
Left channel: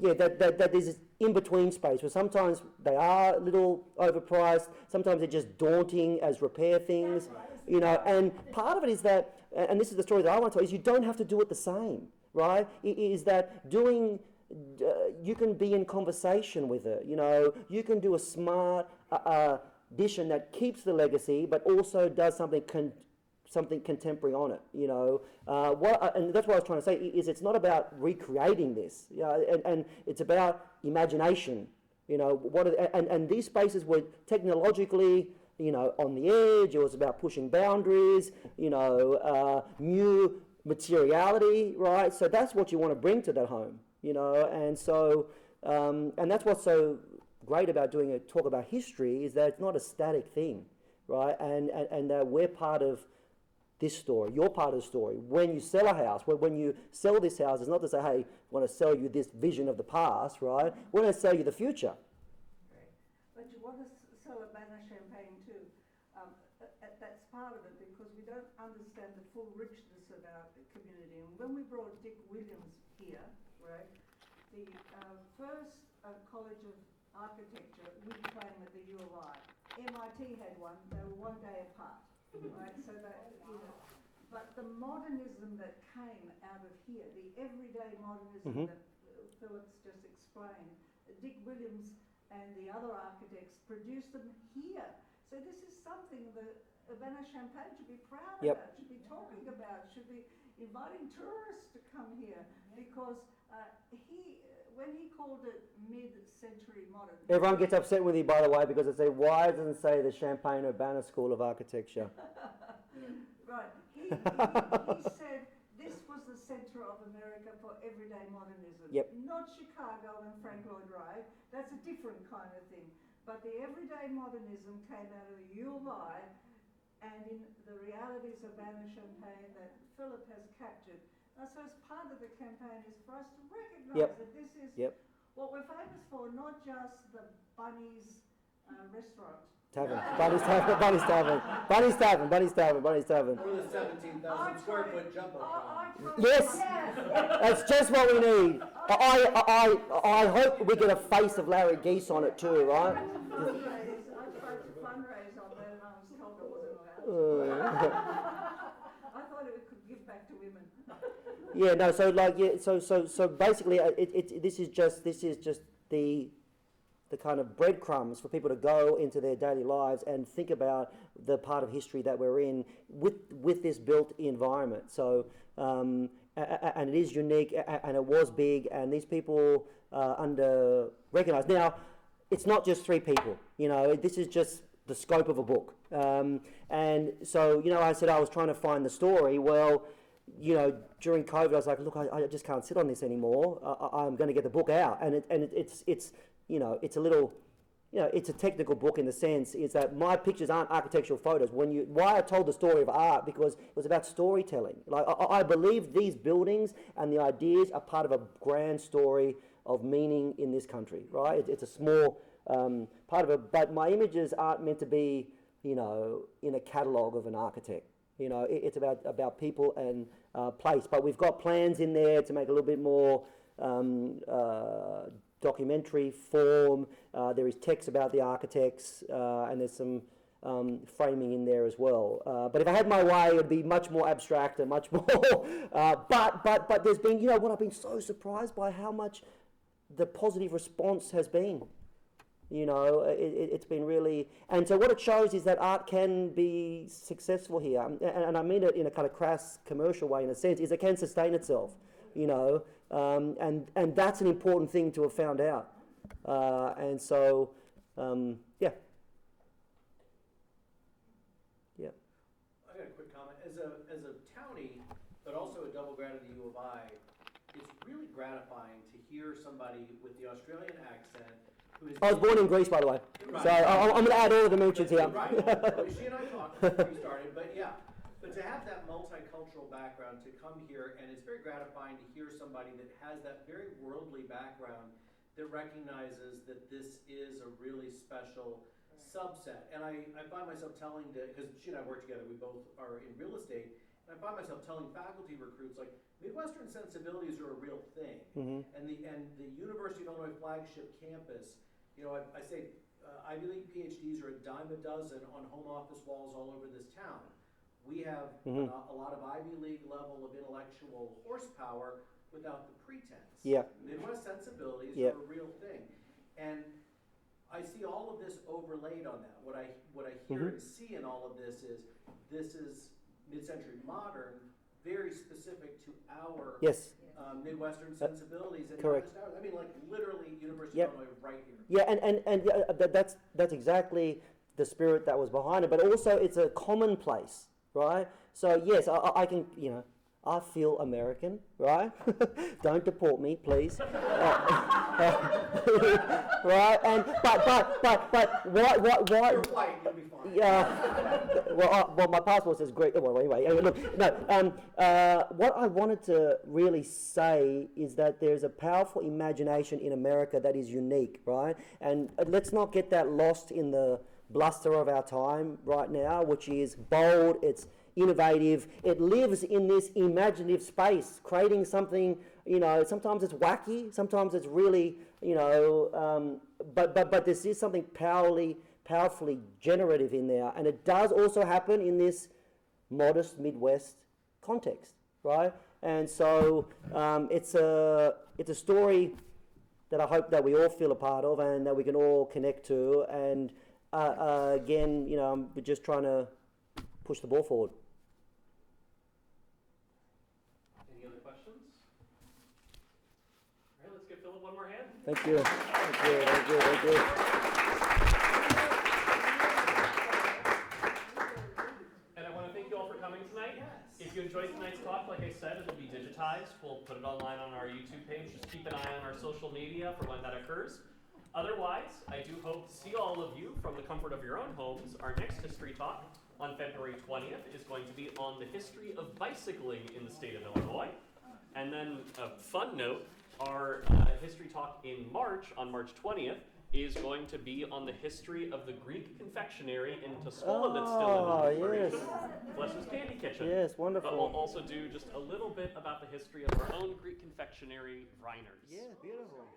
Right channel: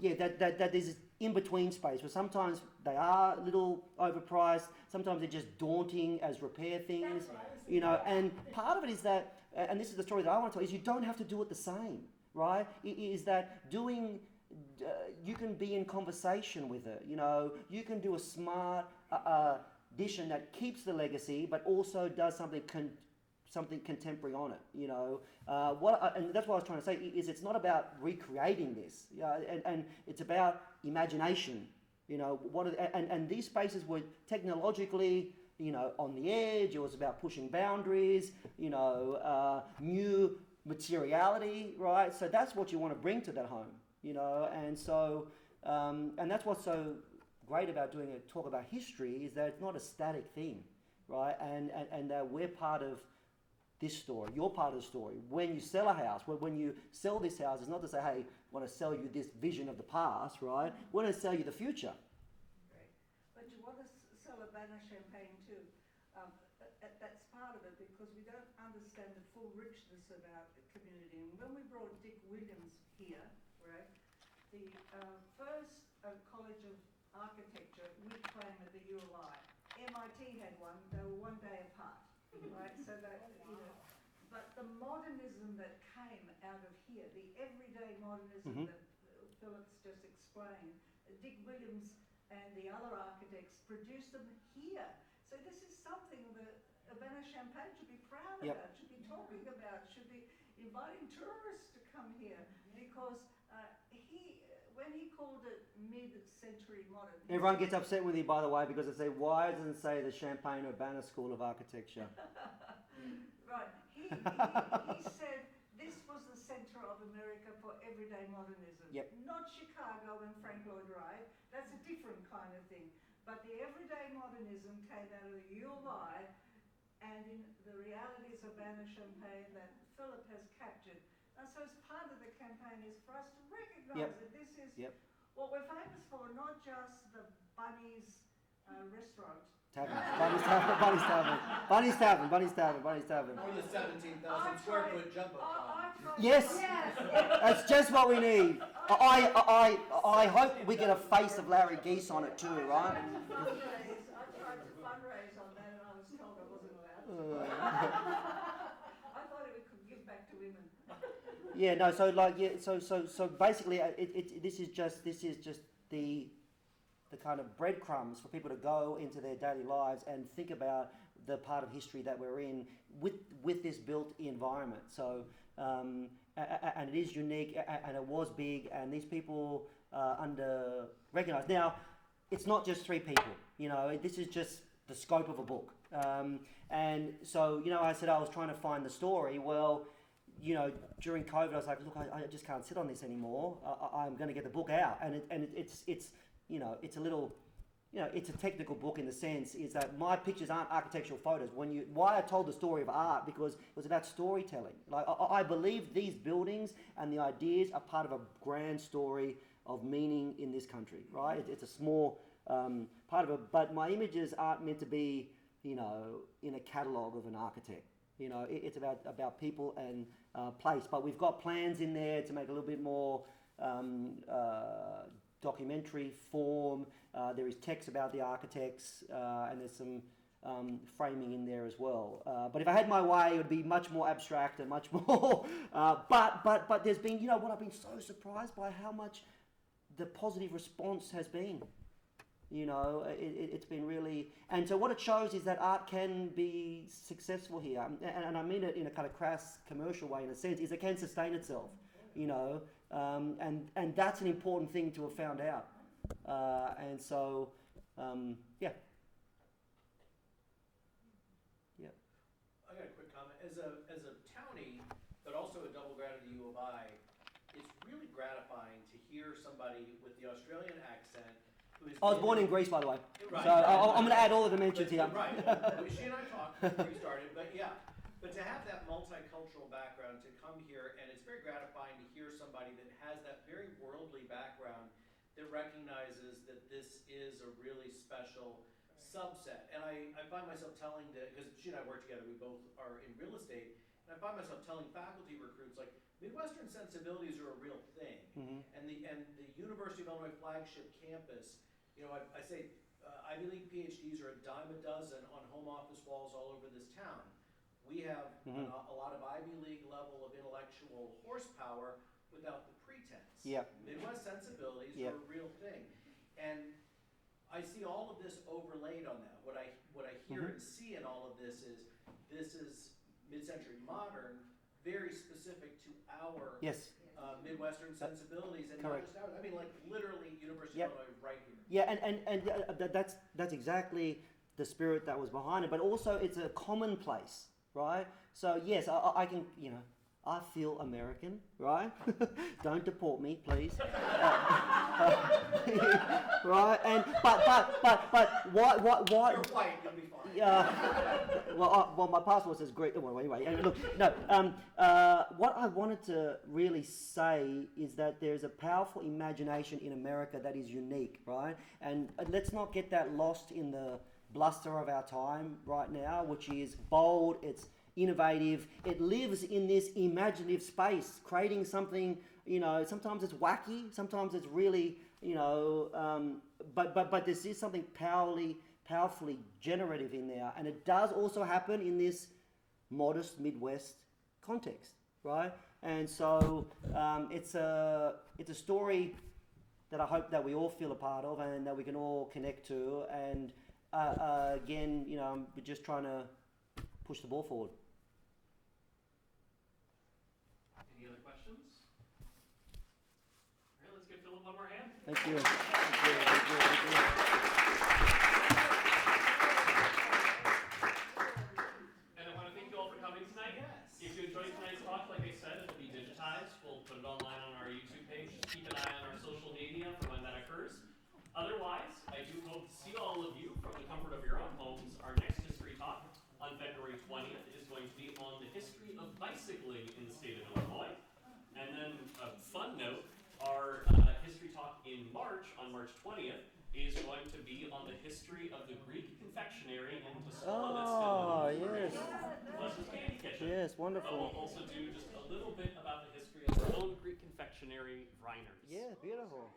yeah, that there's this in-between space where sometimes they are a little overpriced, sometimes they're just daunting as repair things, you know. And part of it is that, and this is the story that I want to tell, is you don't have to do it the same, right? Is that doing. You can be in conversation with it, you know. You can do a smart addition that keeps the legacy, but also does something contemporary on it, you know. And that's what I was trying to say, is it's not about recreating this, you know, and it's about imagination, you know. And these spaces were technologically, you know, on the edge. It was about pushing boundaries, you know, new materiality, right? So that's what you want to bring to that home, you know. And so, and that's what's so great about doing a talk about history, is that it's not a static thing, right? And that we're part of this story. You're part of the story. When you sell a house, when you sell this house, it's not to say, hey, I want to sell you this vision of the past, right? We're going to sell you the future. Right. But you want to sell a banner champagne too. That's part of it, because we don't understand the full richness of our community. And when we brought Dick Williams here, right, the first College of Architecture we claim at the U of I. MIT had one. They were one day apart. Right, so that, you know, but the modernism that came out of here, the everyday modernism that Philip's just explained, Dick Williams and the other architects produced them here. So this is something that Urbana-Champaign should be proud about, should be talking about, should be inviting tourists to come here, because when he called it mid-century modern. Everyone gets upset with you, by the way, because they say, why doesn't it say the Champaign-Urbana School of Architecture? Right. He said this was the centre of America for everyday modernism. Yep. Not Chicago and Frank Lloyd Wright. That's a different kind of thing. But the everyday modernism came out of the U of I, and in the realities of Urbana-Champaign that Philip has captured. And so as part of the campaign is for us to recognise that this is what we're famous for, not just the Bunny's restaurant. Tavern. Bunny's Tavern. Bunny's Tavern. Bunny's Tavern. Bunny's Tavern. Bunny's Tavern. Or the 17,000 square foot jumbo. Yes, that's just what we need. I hope we get a face of Larry Geese on it too, right? I tried to fundraise on that and I was told I wasn't allowed. I thought it could give back to women. Yeah, no. So like, yeah. So basically, this is just the kind of breadcrumbs for people to go into their daily lives and think about the part of history that we're in with this built environment. So and it is unique, and it was big, and these people under recognized. Now, it's not just 3 people. You know, this is just the scope of a book. And so, you know, I said I was trying to find the story. Well, you know, during COVID, I was like, look, I just can't sit on this anymore. I'm going to get the book out, and it's you know, it's a little, you know, it's a technical book in the sense is that my pictures aren't architectural photos. Why I told the story of art, because it was about storytelling. Like I believe these buildings and the ideas are part of a grand story of meaning in this country, right? It's a small part of it. But my images aren't meant to be, you know, in a catalogue of an architect. You know, it's about people and place. But we've got plans in there to make a little bit more documentary form. There is text about the architects, and there's some framing in there as well. But if I had my way, it would be much more abstract and much more. But there's been, you know, what I've been so surprised by how much the positive response has been. You know, it's been really, and so what it shows is that art can be successful here, and I mean it in a kind of crass commercial way in a sense, is it can sustain itself, you know, and that's an important thing to have found out, and so, yeah. I got a quick comment. As a townie, but also a double grad at the U of I, it's really gratifying to hear somebody with the Australian accent. I was born in Greece, by the way, Right. so I'm going to add all the dimensions here. Right. Well, she and I talked before we started, but yeah. But to have that multicultural background, to come here, and it's very gratifying to hear somebody that has that very worldly background that recognizes that this is a really special subset. And I find myself telling, because she and I work together, we both are in real estate, and I find myself telling faculty recruits, like, Midwestern sensibilities are a real thing. Mm-hmm. And the University of Illinois flagship campus, you know, I say Ivy League PhDs are a dime a dozen on home office walls all over this town. We have a lot of Ivy League level of intellectual horsepower without the pretense. Yeah. Midwest sensibilities Yeah. are a real thing. And I see all of this overlaid on that. What I hear and see in all of this is mid-century modern, very specific to our Yes. Midwestern sensibilities, and correct. not just ours. I mean, like literally University Yep. of Illinois right here. Yeah, and that's exactly the spirit that was behind it. But also, it's a commonplace, right? So yes, I can, you know, I feel American, right? Don't deport me, please. Right? And but what? You're white, you'll be fine. Yeah. Well, my passport says Greek. Well, anyway, look, no. What I wanted to really say is that there's a powerful imagination in America that is unique, right? And let's not get that lost in the bluster of our time right now, which is bold. It's innovative. It lives in this imaginative space, creating something. You know, sometimes it's wacky. Sometimes it's really, you know. But this is something powerfully generative in there, and it does also happen in this modest Midwest context, right? And so it's a story that I hope that we all feel a part of and that we can all connect to. And again, you know, we're just trying to push the ball forward. Any other questions? All right, let's give Phillip one more hand. Thank you. Thank you. Thank you. Thank you. And I want to thank you all for coming tonight. If you enjoyed tonight's talk, like I said, it'll be digitized. We'll put it online on our YouTube page. Just keep an eye on our social media for when that occurs. Otherwise, I do hope to see all of you from the comfort of your own homes. Our next history talk on February 20th is going to be on the history of bicycling in the state of Illinois. And then a fun note, our history talk in March, on March 20th, is going to be on the history of the Greek confectionery in Tuscola that's still in operation. Bless's Candy Kitchen. Yes, But we'll wonderful. also do just a little bit about the history of our own Greek confectionery, Vriners. Yeah, beautiful.